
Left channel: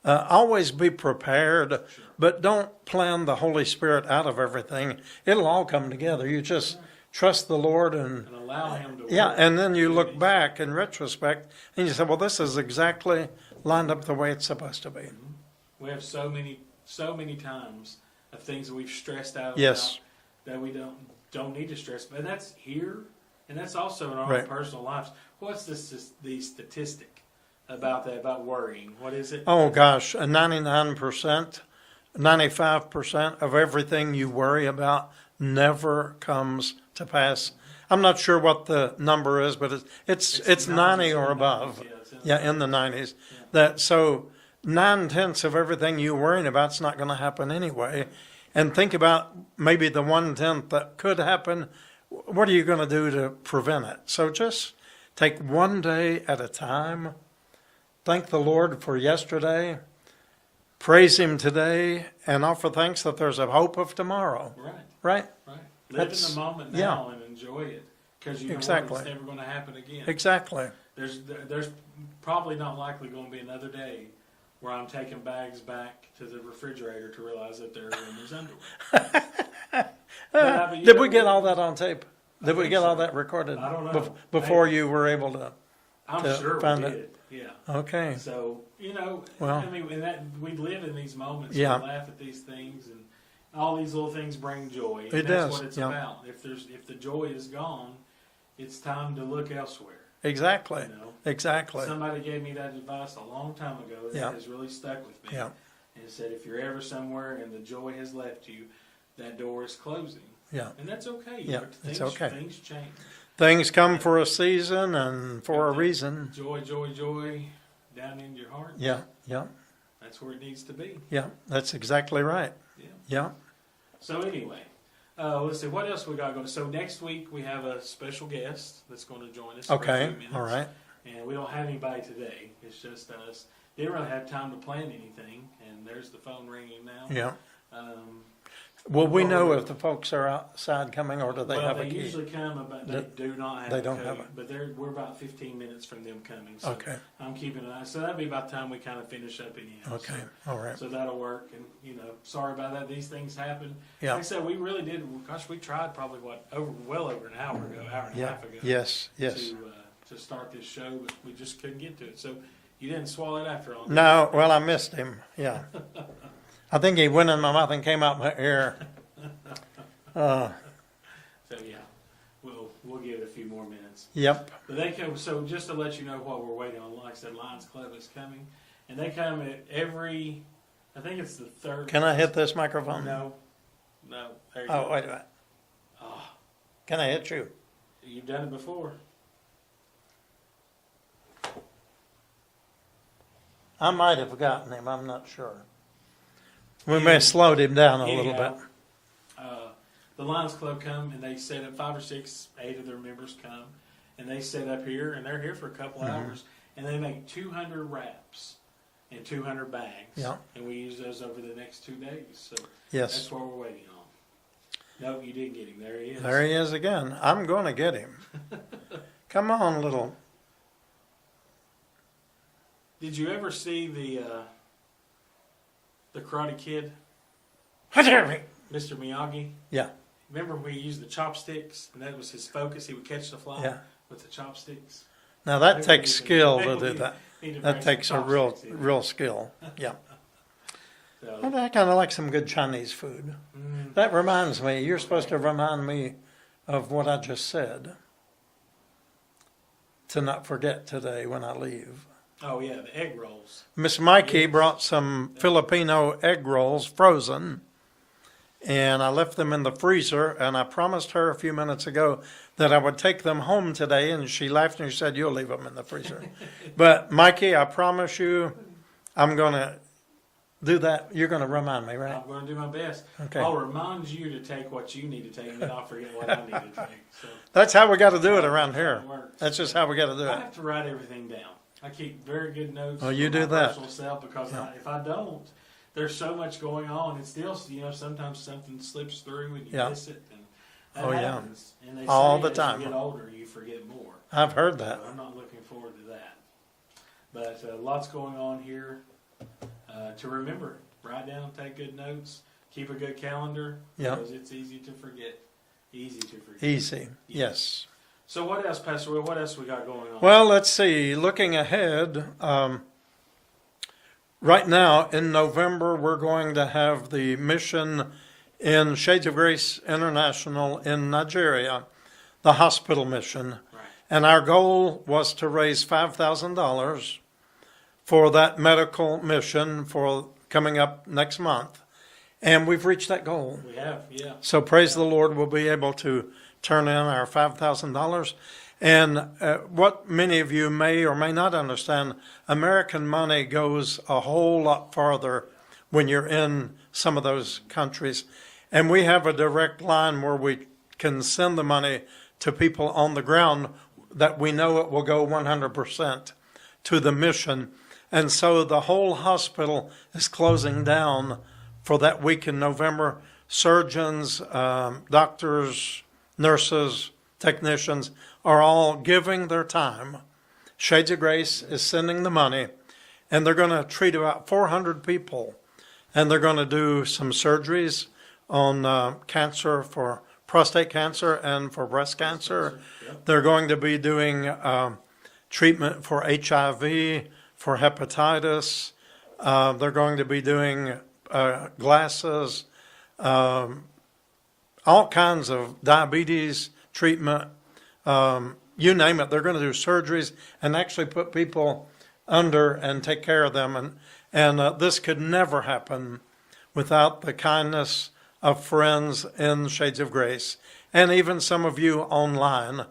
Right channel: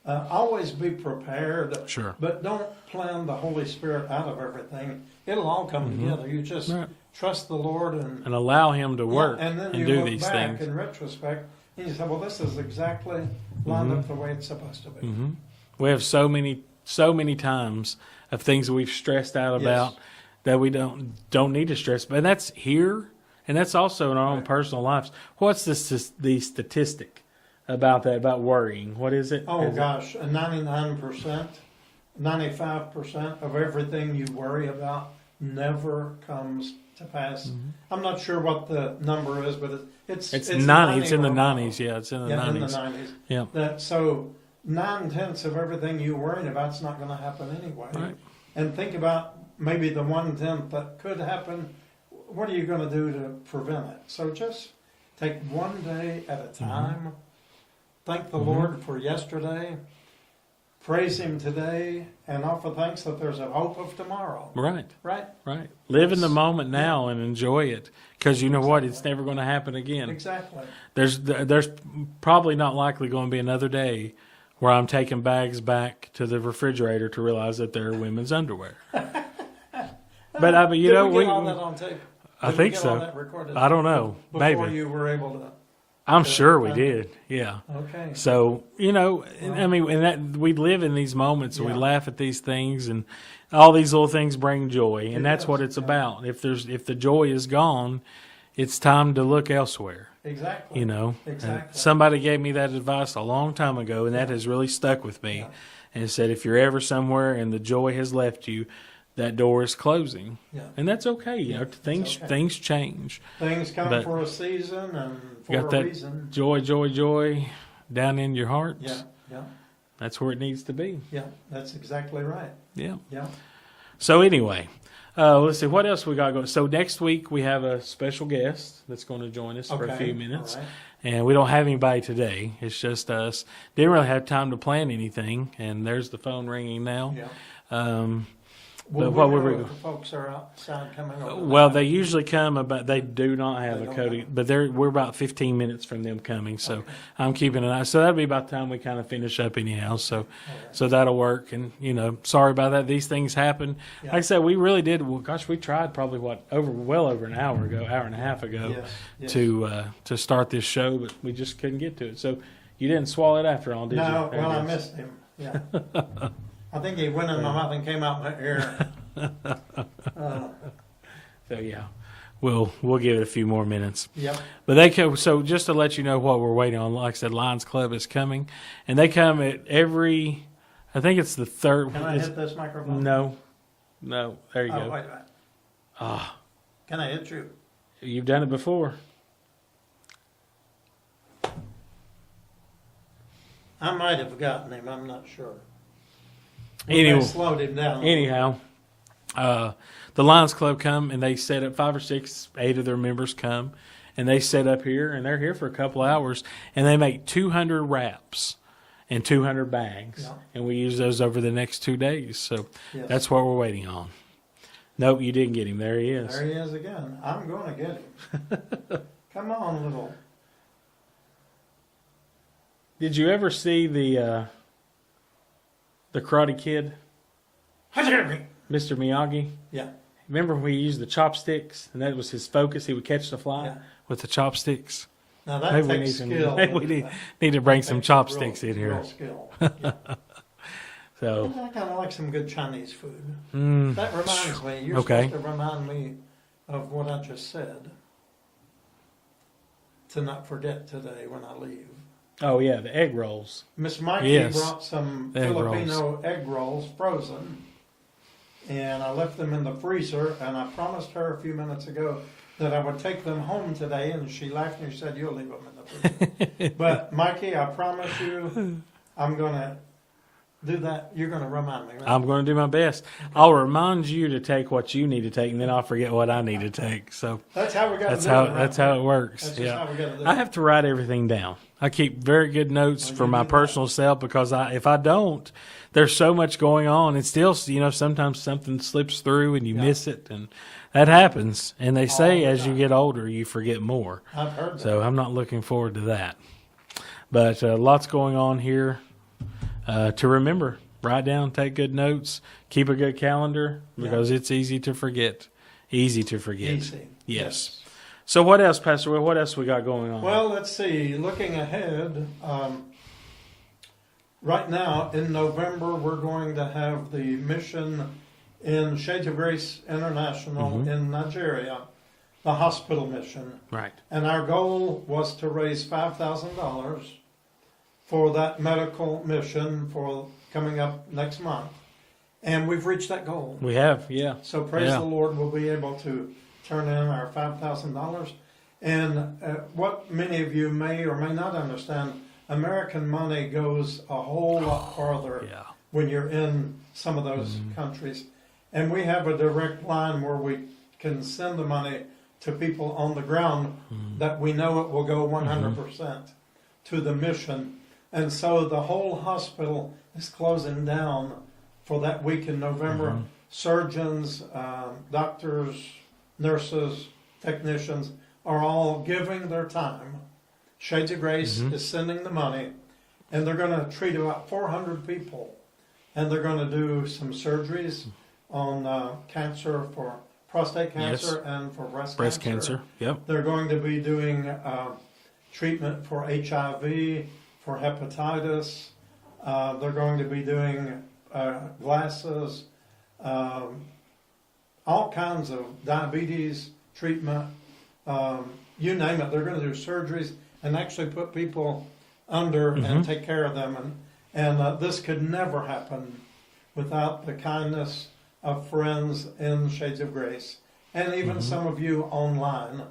always be prepared. Sure. But don't plan the Holy Spirit out of everything. It'll all come together. You just trust the Lord and allow Him to work. Yeah, and then you look back things. in retrospect and you say, well, this is exactly lined up the way it's supposed to be. We have so many times of things that we've stressed out about that we don't need to stress. But that's here, and that's also in our own personal lives. What's the statistic about that, about worrying? What is it? Oh, gosh, 99%, 95% of everything you worry about never comes to pass. I'm not sure what the number is, but it's 90 it's in or the above. 90s. Yeah, it's in the 90s. In the 90s. Yeah. So 9/10 of everything you're worrying about is not going to happen anyway. Right. And think about maybe the 1/10 that could happen. What are you going to do to prevent it? So just take one day at a time. Thank the Lord for yesterday. Praise Him today, and offer thanks that there's a hope of tomorrow. Right. Right? Live in the moment now and enjoy it, because you know what? Exactly. It's never going to happen again. Exactly. There's probably not likely going to be another day where I'm taking bags back to the refrigerator to realize that they're women's underwear. But Did we get all that on tape? Did we get all that recorded? I don't know. Before Maybe. you were able to. I'm sure we find did. it. Yeah. Okay. So, you know, Well, I mean, and that we live in these moments and Yeah. we laugh at these things, and all these little things bring joy, and It that's does, what it's yeah. about. If the joy is gone, it's time to look elsewhere. Exactly. You know, Exactly. And somebody gave me that advice a long time ago, and that Yeah. has really stuck with me. Yeah. And it said, if you're ever somewhere and the joy has left you, that door is closing. Yeah. And that's okay. You Yeah, know, it's things okay. things change. Things come But- for a season and for Got a that reason. Joy, joy, joy down in your heart. Yeah. Yeah. That's where it needs to be. Yeah. That's exactly right. Yeah. Yeah. So anyway, let's see what else we got going. So next week we have a special guest that's going to join us for a Okay. few minutes. All right. And we don't have anybody today. It's just us. Didn't really have time to plan anything. And there's the phone ringing now. Yeah. Well, Will we what know were we- if the folks are outside coming or do Well, have they a key? usually come about. They do not have They a don't code, have it. but we're about 15 minutes from them coming. So Okay. I'm keeping an eye. So that'll be about the time we kind of finish up anyhow. So All right. so that'll work. And you know, sorry about that. These things happen. Yeah. Like I said, we really did. Well, gosh, we tried probably well over an hour ago, hour and a half ago. Yes. Yes. To start this show, but we just couldn't get to it. So you didn't swallow it after all, did No, you? well, I missed him. Yeah. I think he went in my mouth and came out my ear. So yeah, we'll give it a few more minutes. Yep. But they come. So just to let you know what we're waiting on, like I said, Lions Club is coming, and they come at every. I think it's the third. Can I hit this microphone? No. There you Oh, go. wait a minute. Ah, Can I hit you? you've done it before. I might have gotten him. I'm not sure. We may Anyhow- have slowed him down a Anyhow, little bit. the Lions Club come and they set up 5 or 6, 8 of their members come, and they set up here and they're here for a couple hours, and they make 200 wraps, and 200 bags. Yeah. And we use those over the next 2 days. So Yes. that's what we're waiting on. Nope, you didn't get him. There he is. There he is again. I'm going to get him. Come on, little. Did you ever see the Karate Kid, Yeah. Mr. Miyagi? Remember when we used the chopsticks and that was his focus? He would catch the fly with the chopsticks. Now that Maybe takes skill. we need to bring some chopsticks in here. Real skill. Yeah. So I kind of like some good Chinese food. That reminds me. You're supposed to remind me of what I just said. To not forget today when I leave. Oh yeah, the egg rolls. Miss Mikey brought some Filipino egg rolls frozen, and I left them in the freezer, and I promised her a few minutes ago that I would take them home today, and she laughed and she said, "You'll leave them in the freezer." But Mikey, I promise you, I'm going to do that. You're going to remind me, right? I'm going to do my best. Okay. I'll remind you to take what you need to take, and then I'll forget what I need to take. So that's how we got to do it around here. That's how it works. That's just how we got to do it. I have to write everything down. I keep very good notes for my personal self because if I don't, there's so much going on. And still, sometimes something slips through and you miss it, and that happens. And they say as you get older, you forget more. I've heard that. So I'm not looking forward to that. But lots going on here to remember. Write down, take good notes, keep a good calendar because it's easy to forget. Easy to forget. Easy. Yes. So what else, Pastor Will? What else we got going on? Well, let's see. Looking ahead, right now in November, we're going to have the mission in Shades of Grace International in Nigeria, the hospital mission. Right. And our goal was to raise $5,000 for that medical mission for coming up next month. And we've reached that goal. We have, yeah. So praise the Lord, we'll be able to turn in our $5,000. And what many of you may or may not understand, American money goes a whole lot farther when you're in some of those countries. And we have a direct line where we can send the money to people on the ground that we know it will go 100% to the mission. And so the whole hospital is closing down for that week in November. Surgeons, doctors, nurses, technicians are all giving their time. Shades of Grace is sending the money, and they're going to treat about 400 people. And they're going to do some surgeries on cancer, for prostate cancer and for breast cancer. Yep. They're going to be doing treatment for HIV, for hepatitis. They're going to be doing glasses, all kinds of diabetes treatment, you name it. They're going to do surgeries and actually put people under and take care of them. And this could never happen without the kindness of friends in Shades of Grace, and even some of you online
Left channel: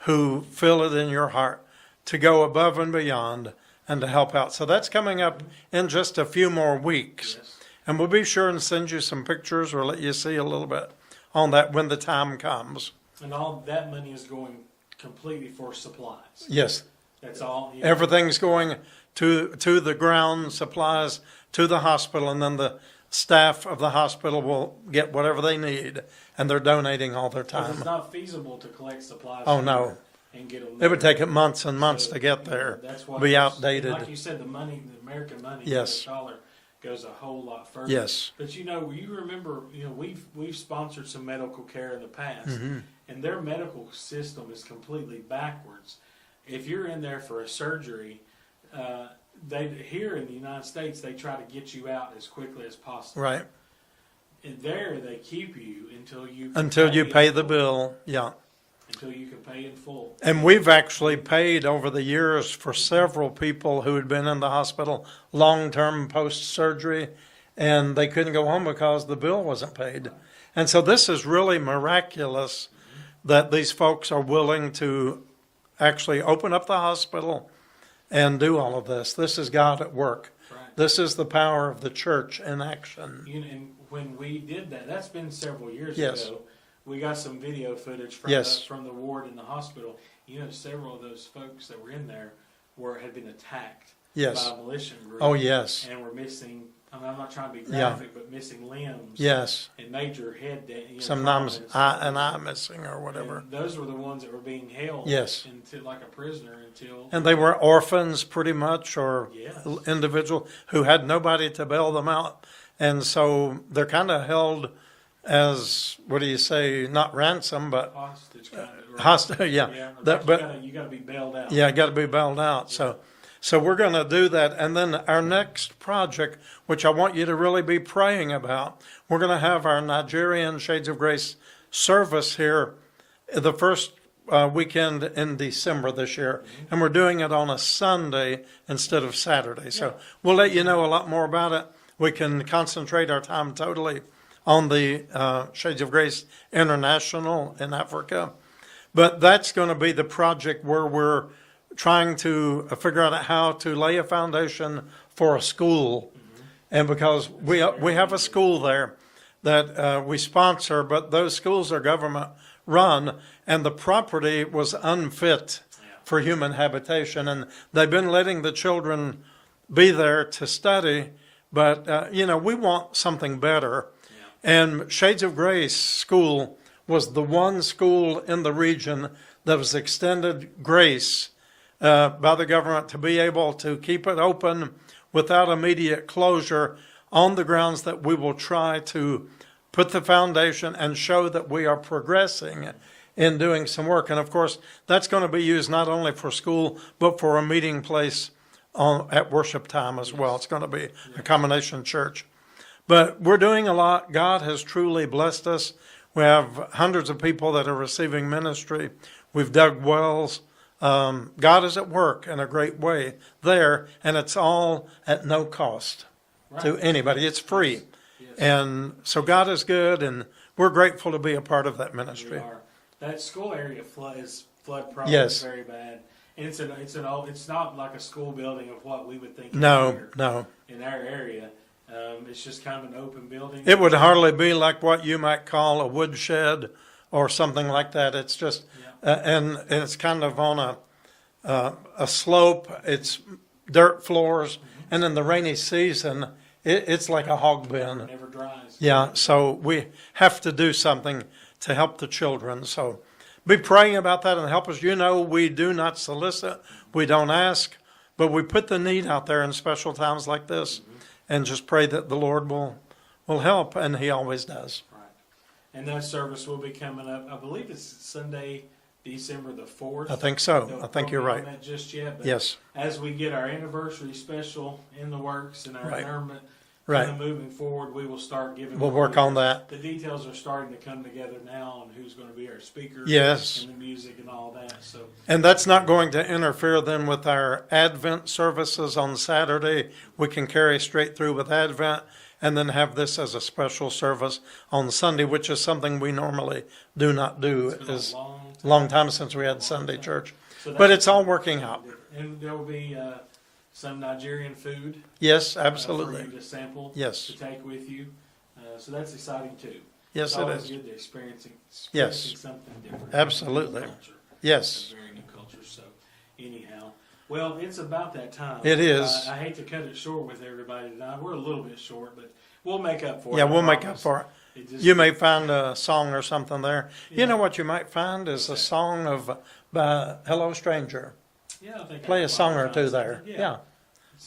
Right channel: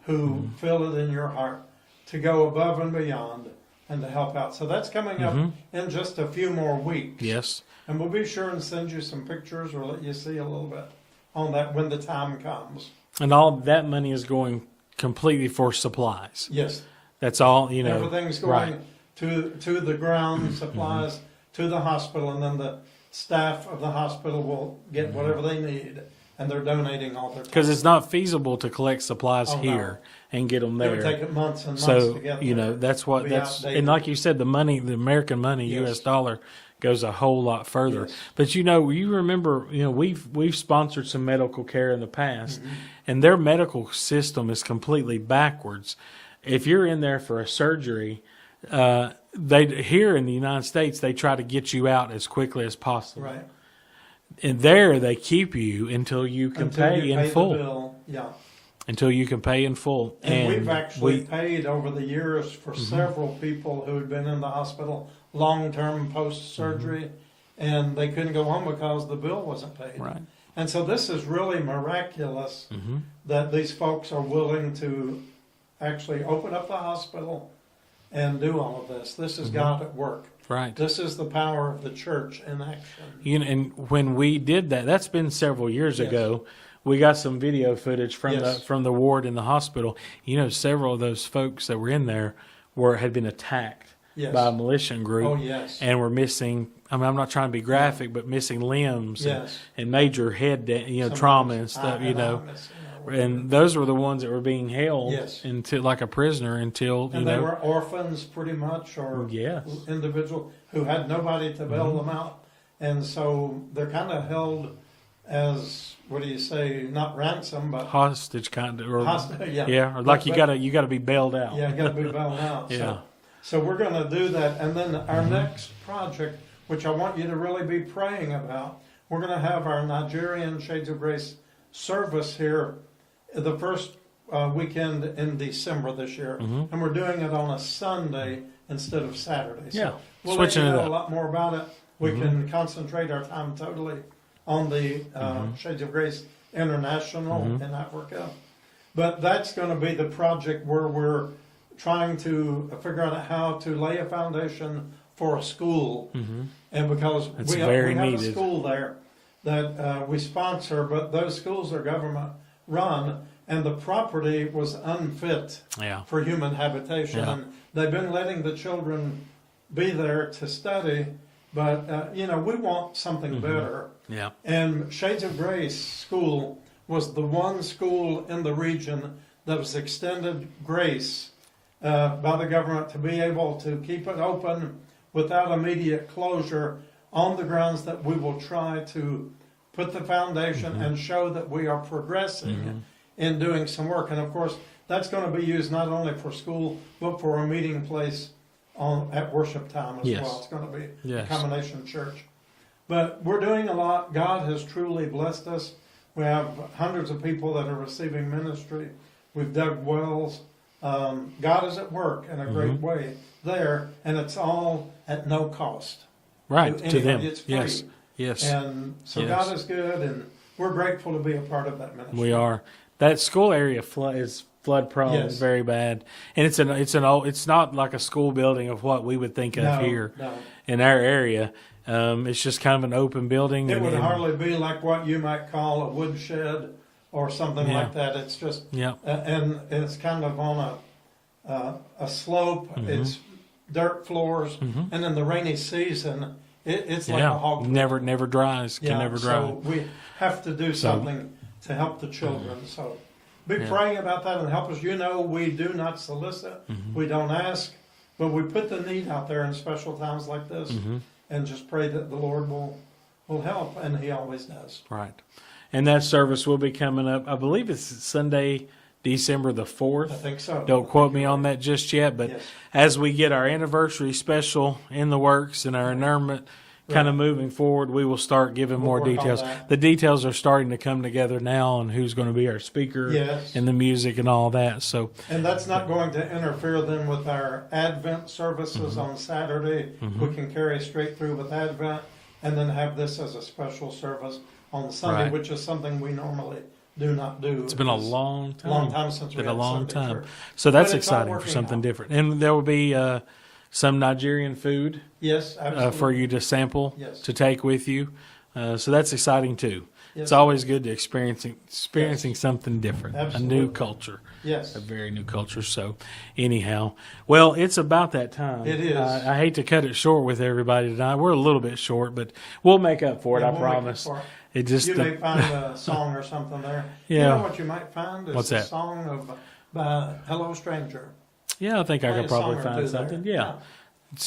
who feel it in your heart to go above and beyond and to help out. So that's coming up in just a few more weeks. Yes. And we'll be sure and send you some pictures or let you see a little bit on that when the time comes. And all that money is going completely for supplies. Yes. That's all, Everything's going to the ground, supplies to the hospital, and then the staff of the hospital will get whatever they need, and they're donating all their time. Because it's not feasible to collect supplies here and get them there. It would take it months and months to get there. That's what. Be outdated. And like you said, the money, the American money, U.S. dollar, goes a whole lot further. Yes. But you remember, we've sponsored some medical care in the past, and their medical system is completely backwards. If you're in there for a surgery, they here in the United States they try to get you out as quickly as possible. Right. And there they keep you until you can pay the bill. Yeah. Until you can pay in full. And we've actually paid over the years for several people who had been in the hospital long-term post-surgery, and they couldn't go home because the bill wasn't paid. Right. And so this is really miraculous that these folks are willing to actually open up the hospital and do all of this. This is God at work. Right. This is the power of the church in action. And when we did that, that's been several years ago. We got some video footage from the ward in the hospital. Several of those folks that were in there had been attacked Yes. by a militia group. Oh, yes. And were missing. I mean, I'm not trying to be graphic, but missing limbs. Yes. And major head, Sometimes trauma and stuff. eye missing or whatever. And those were the ones that were being held. Yes. Until like a prisoner until. And they were orphans, pretty much, or Yes. individual who had nobody to bail them out, and so they're kind of held as, what do you say, not ransom, but hostage kind of. Or, hostage. Yeah. Yeah. Or like you got to be bailed out. Yeah, got to be bailed out. Yeah. So we're going to do that, and then our next project, which I want you to really be praying about, we're going to have our Nigerian Shades of Grace service here the first weekend in December this year, and we're doing it on a Sunday instead of Saturday. So we'll let you know a lot more about it. We can concentrate our time totally on the Shades of Grace International in Africa. But that's going to be the project where we're trying to figure out how to lay a foundation for a school. And because we have a school there that we sponsor, but those schools are government run, and the property was unfit for human habitation. And they've been letting the children be there to study, but we want something better. Yeah. And Shades of Grace School was the one school in the region that was extended grace by the government to be able to keep it open without immediate closure, on the grounds that we will try to put the foundation and show that we are progressing in doing some work. And of course, that's going to be used not only for school, but for a meeting place at worship time as well. It's going to be a combination church. But we're doing a lot. God has truly blessed us. We have hundreds of people that are receiving ministry. We've dug wells. God is at work in a great way there, and it's all at no cost to anybody. It's free. Yes. And so God is good, and we're grateful to be a part of that ministry. We are. That school area is flood prone. It's very bad, and it's not like a school building of what we would think of here in our area. It's just kind of an open building. It would hardly be like what you might call a woodshed or something like that. It's just, and it's kind of on a slope. It's dirt floors, and in the rainy season, it's like a hog pen. Never dries. So we have to do something to help the children. So be praying about that and help us. We do not solicit. We don't ask, but we put the need out there in special times like this, and just pray that the Lord will help, and He always does. Right. And that service will be coming up. I believe it's Sunday, December the 4th. I think so. Don't quote me on that just yet. But as we get our anniversary special in the works and our annulment kind of moving forward, we will start giving more details. On that. The details are starting to come together now on who's going to be our speaker and the music and all that. So, and that's not going to interfere then with our Advent services on Saturday. We can carry straight through with Advent, and then have this as a special service on Sunday, which is something we normally do not do. It's been a long time since we had Sunday church. So that's but it's all working something out. Different. And there will be some Nigerian food. Yes, absolutely. For you to sample, to take with you. So that's exciting too. Yes, it's always good to experiencing something different. Absolutely. A new culture. Yes. A very new culture. So anyhow, well, it's about that time. It is. I hate to cut it short with everybody tonight. We're a little bit short, but we'll make up for it. Yeah, we'll make up for it. You may find a song or something there. Yeah. You know what you might find is a song by Hello Stranger. Yeah, I think I could could probably find a song or two something. there. Yeah.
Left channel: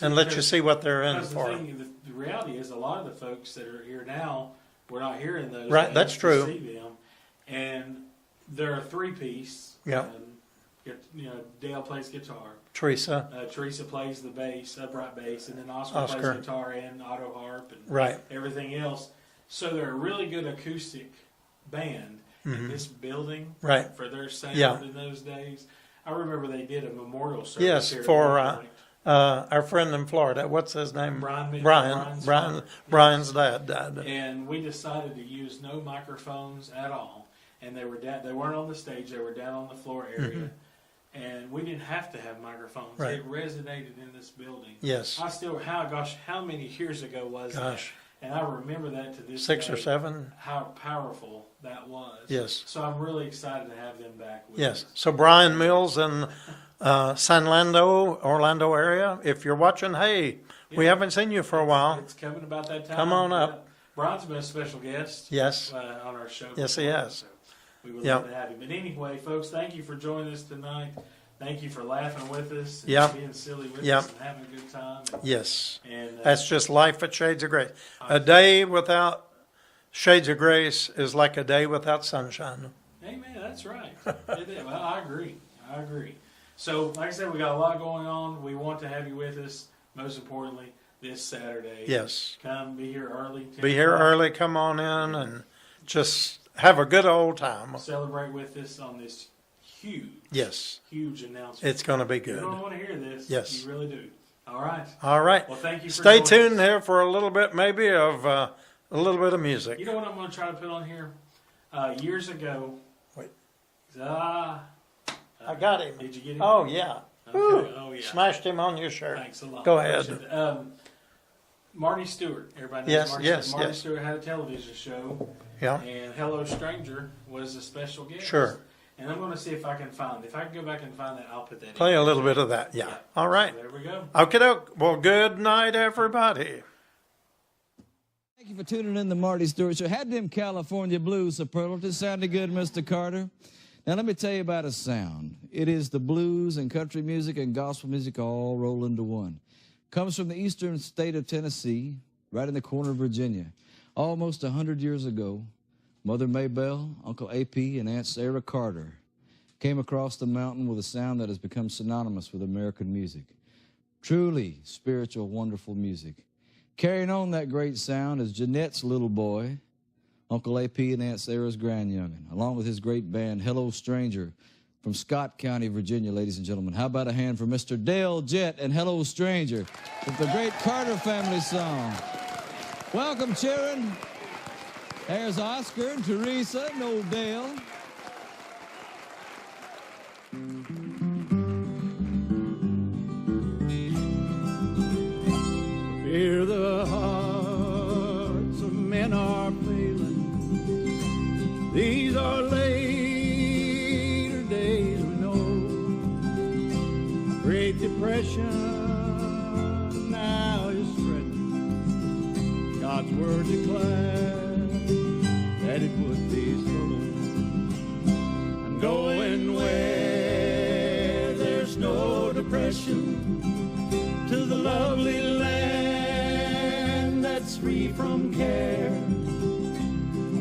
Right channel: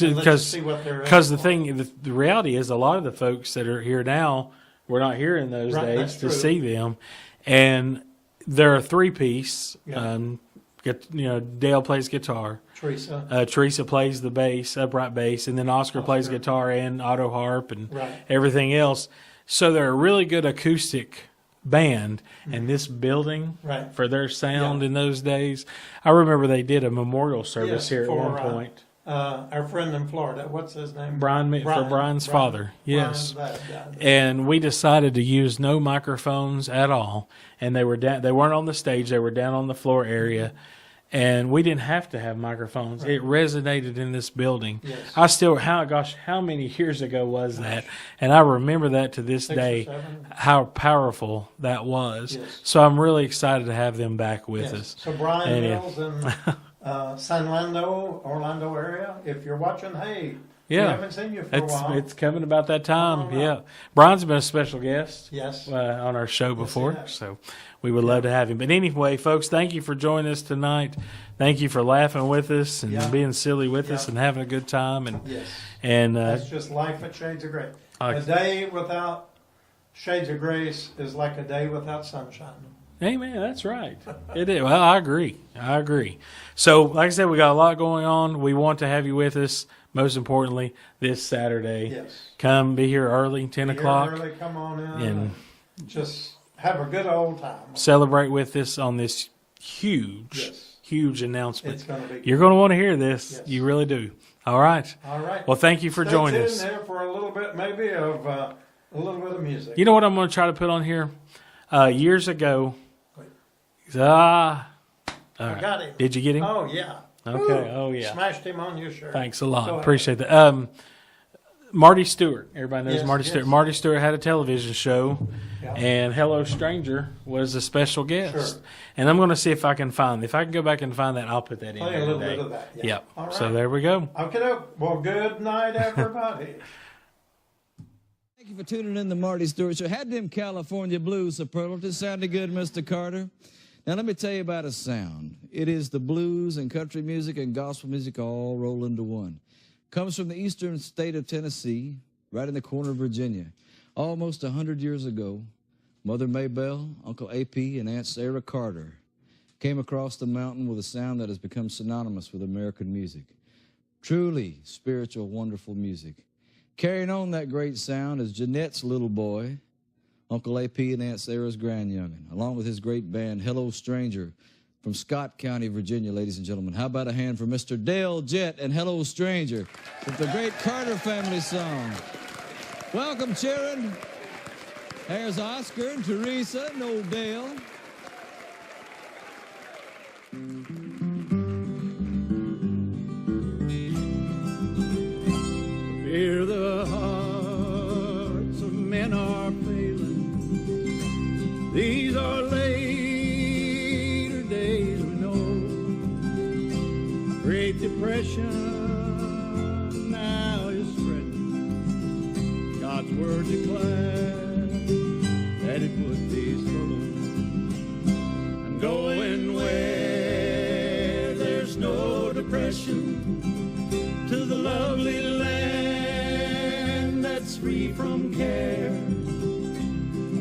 And let you see what they're in. Because the reality is, a lot of the folks that are here now, we're not here in those days that's true. to see them. And they're a three-piece. Dale plays guitar. Teresa plays the bass, upright bass, and then Oscar plays guitar and auto harp and everything else. So they're a really good acoustic band, and this building for their sound in those days. I remember they did a memorial service here at one point. Our friend in Florida, what's his name? Brian's father. Brian's dad died. And we decided to use no microphones at all. And they were down. They weren't on the stage. They were down on the floor area. And we didn't have to have microphones. It resonated in this building. Yes. How many years ago was that? And I remember that to this day. 6 or 7. How powerful that was. Yes. So I'm really excited to have them back with us. So Brian Mills and Orlando area. If you're watching, hey, we haven't seen you for a while. It's coming about that time. Come on up. Brian's been a special guest. Yes. On our show before. Yes, so we would love to have him. But anyway, folks, thank you for joining us tonight. Thank you for laughing with us and being silly with us and having a good time. And and that's just life at Shades of Grace. A day without Shades of Grace is like a day without sunshine. Amen. That's right. It is. Well, I agree. So, like I said, we got a lot going on. We want to have you with us. Most importantly, this Saturday. Yes. Come be here early, 10 o'clock. Be here early. Come on in and just have a good old time. Celebrate with us on this huge announcement. It's going to be good. You're going to want to hear this. Yes. You really do. All right. Well, thank you for joining us. Stay tuned here for a little bit, maybe, of a little bit of music. You know what I'm going to try to put on here? Years ago. Wait. I got him. Did you get him? Oh, yeah. Okay. Ooh, Oh, yeah. Smashed him on your shirt. Thanks a lot. Go ahead. Appreciate that. Marty Stewart. Everybody knows Yes, Marty yes, Stewart. Marty yes. Stewart had a television show, and Hello Stranger was a special guest. Sure. And I'm going to see if I can find. If I can go back and find that, I'll put that in. Play a little bit of that. Yeah. Yep. All right. So there we go. Okay, doke. Well, good night, everybody. Thank you for tuning in to Marty Stewart Show. Had them California blues superlatives. Sounded good, Mr. Carter? Now, let me tell you about a sound. It is the blues and country music and gospel music all rolled into one. Comes from the eastern state of Tennessee, right in the corner of Virginia. Almost 100 years ago, Mother Maybelle, Uncle A.P., and Aunt Sarah Carter came across the mountain with a sound that has become synonymous with American music. Truly spiritual, wonderful music. Carrying on that great sound is Jeanette's little boy, Uncle A.P. and Aunt Sarah's grandyoungin, along with his great band, Hello Stranger, from Scott County, Virginia, ladies and gentlemen. How about a hand for Mr. Dale Jett and Hello Stranger with the great Carter family song. Welcome, children. There's Oscar and Teresa and old Dale. Fear the hearts of men are failing. These are later days, we know. Great Depression now is spreading. God's word declared that it would be so. I'm going where there's no depression, to the lovely land that's free from care.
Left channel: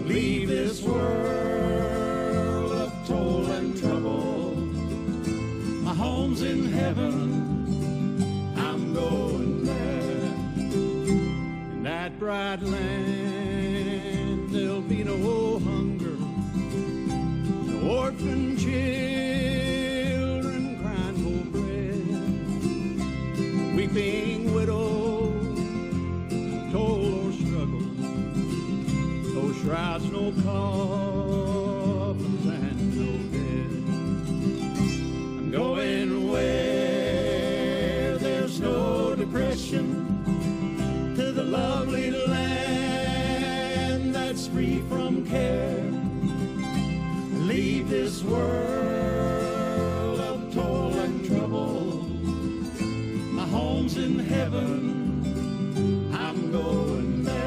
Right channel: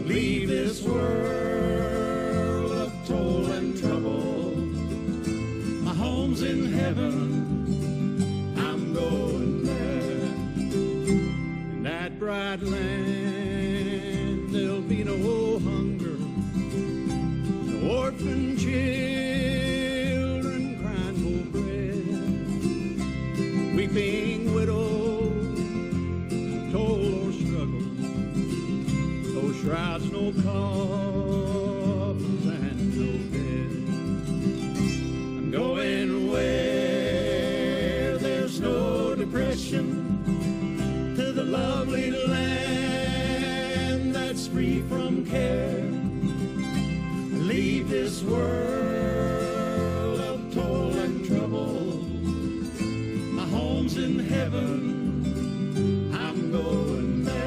Leave this world of toil and trouble. My home's in heaven, I'm going there. In that bright land, there'll be no hunger, no orphan children crying for bread, weeping widows, toil or struggle. No shrouds, no coffins, and no dead. I'm going where there's no depression, to the lovely land that's free from care. Leave this world of toil and trouble. My home's in heaven, I'm going there.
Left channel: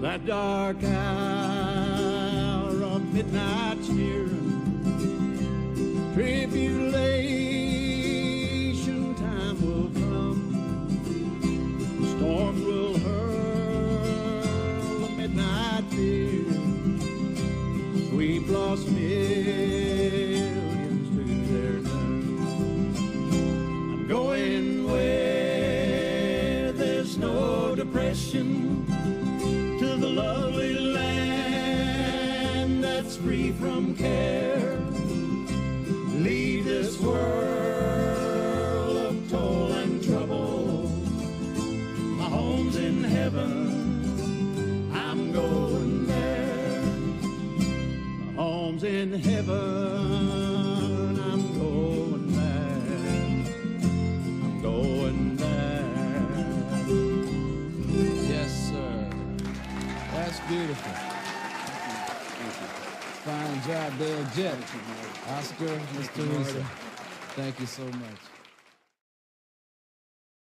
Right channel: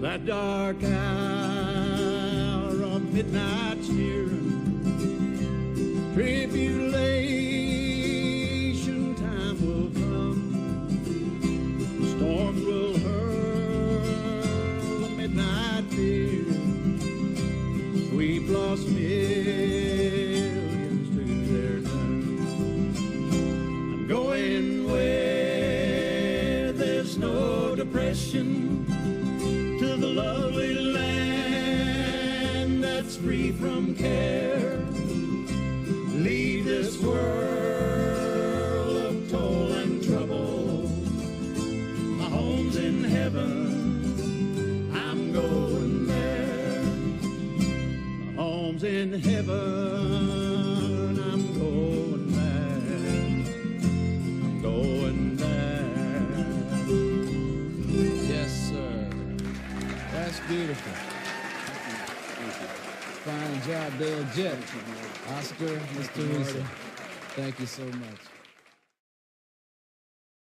That dark hour of midnight's nearing, tribulation time will come. Storms will hurl the midnight fear, sweep lost millions to their doom. I'm going where there's no depression, to the lovely land that's free from care. Leave this world of toil and trouble. My home's in heaven. home's in heaven. I'm going back. I'm going back. Yes, sir. That's beautiful. Fine job, Dale Jett. Oscar, Miss Teresa. Thank you so much.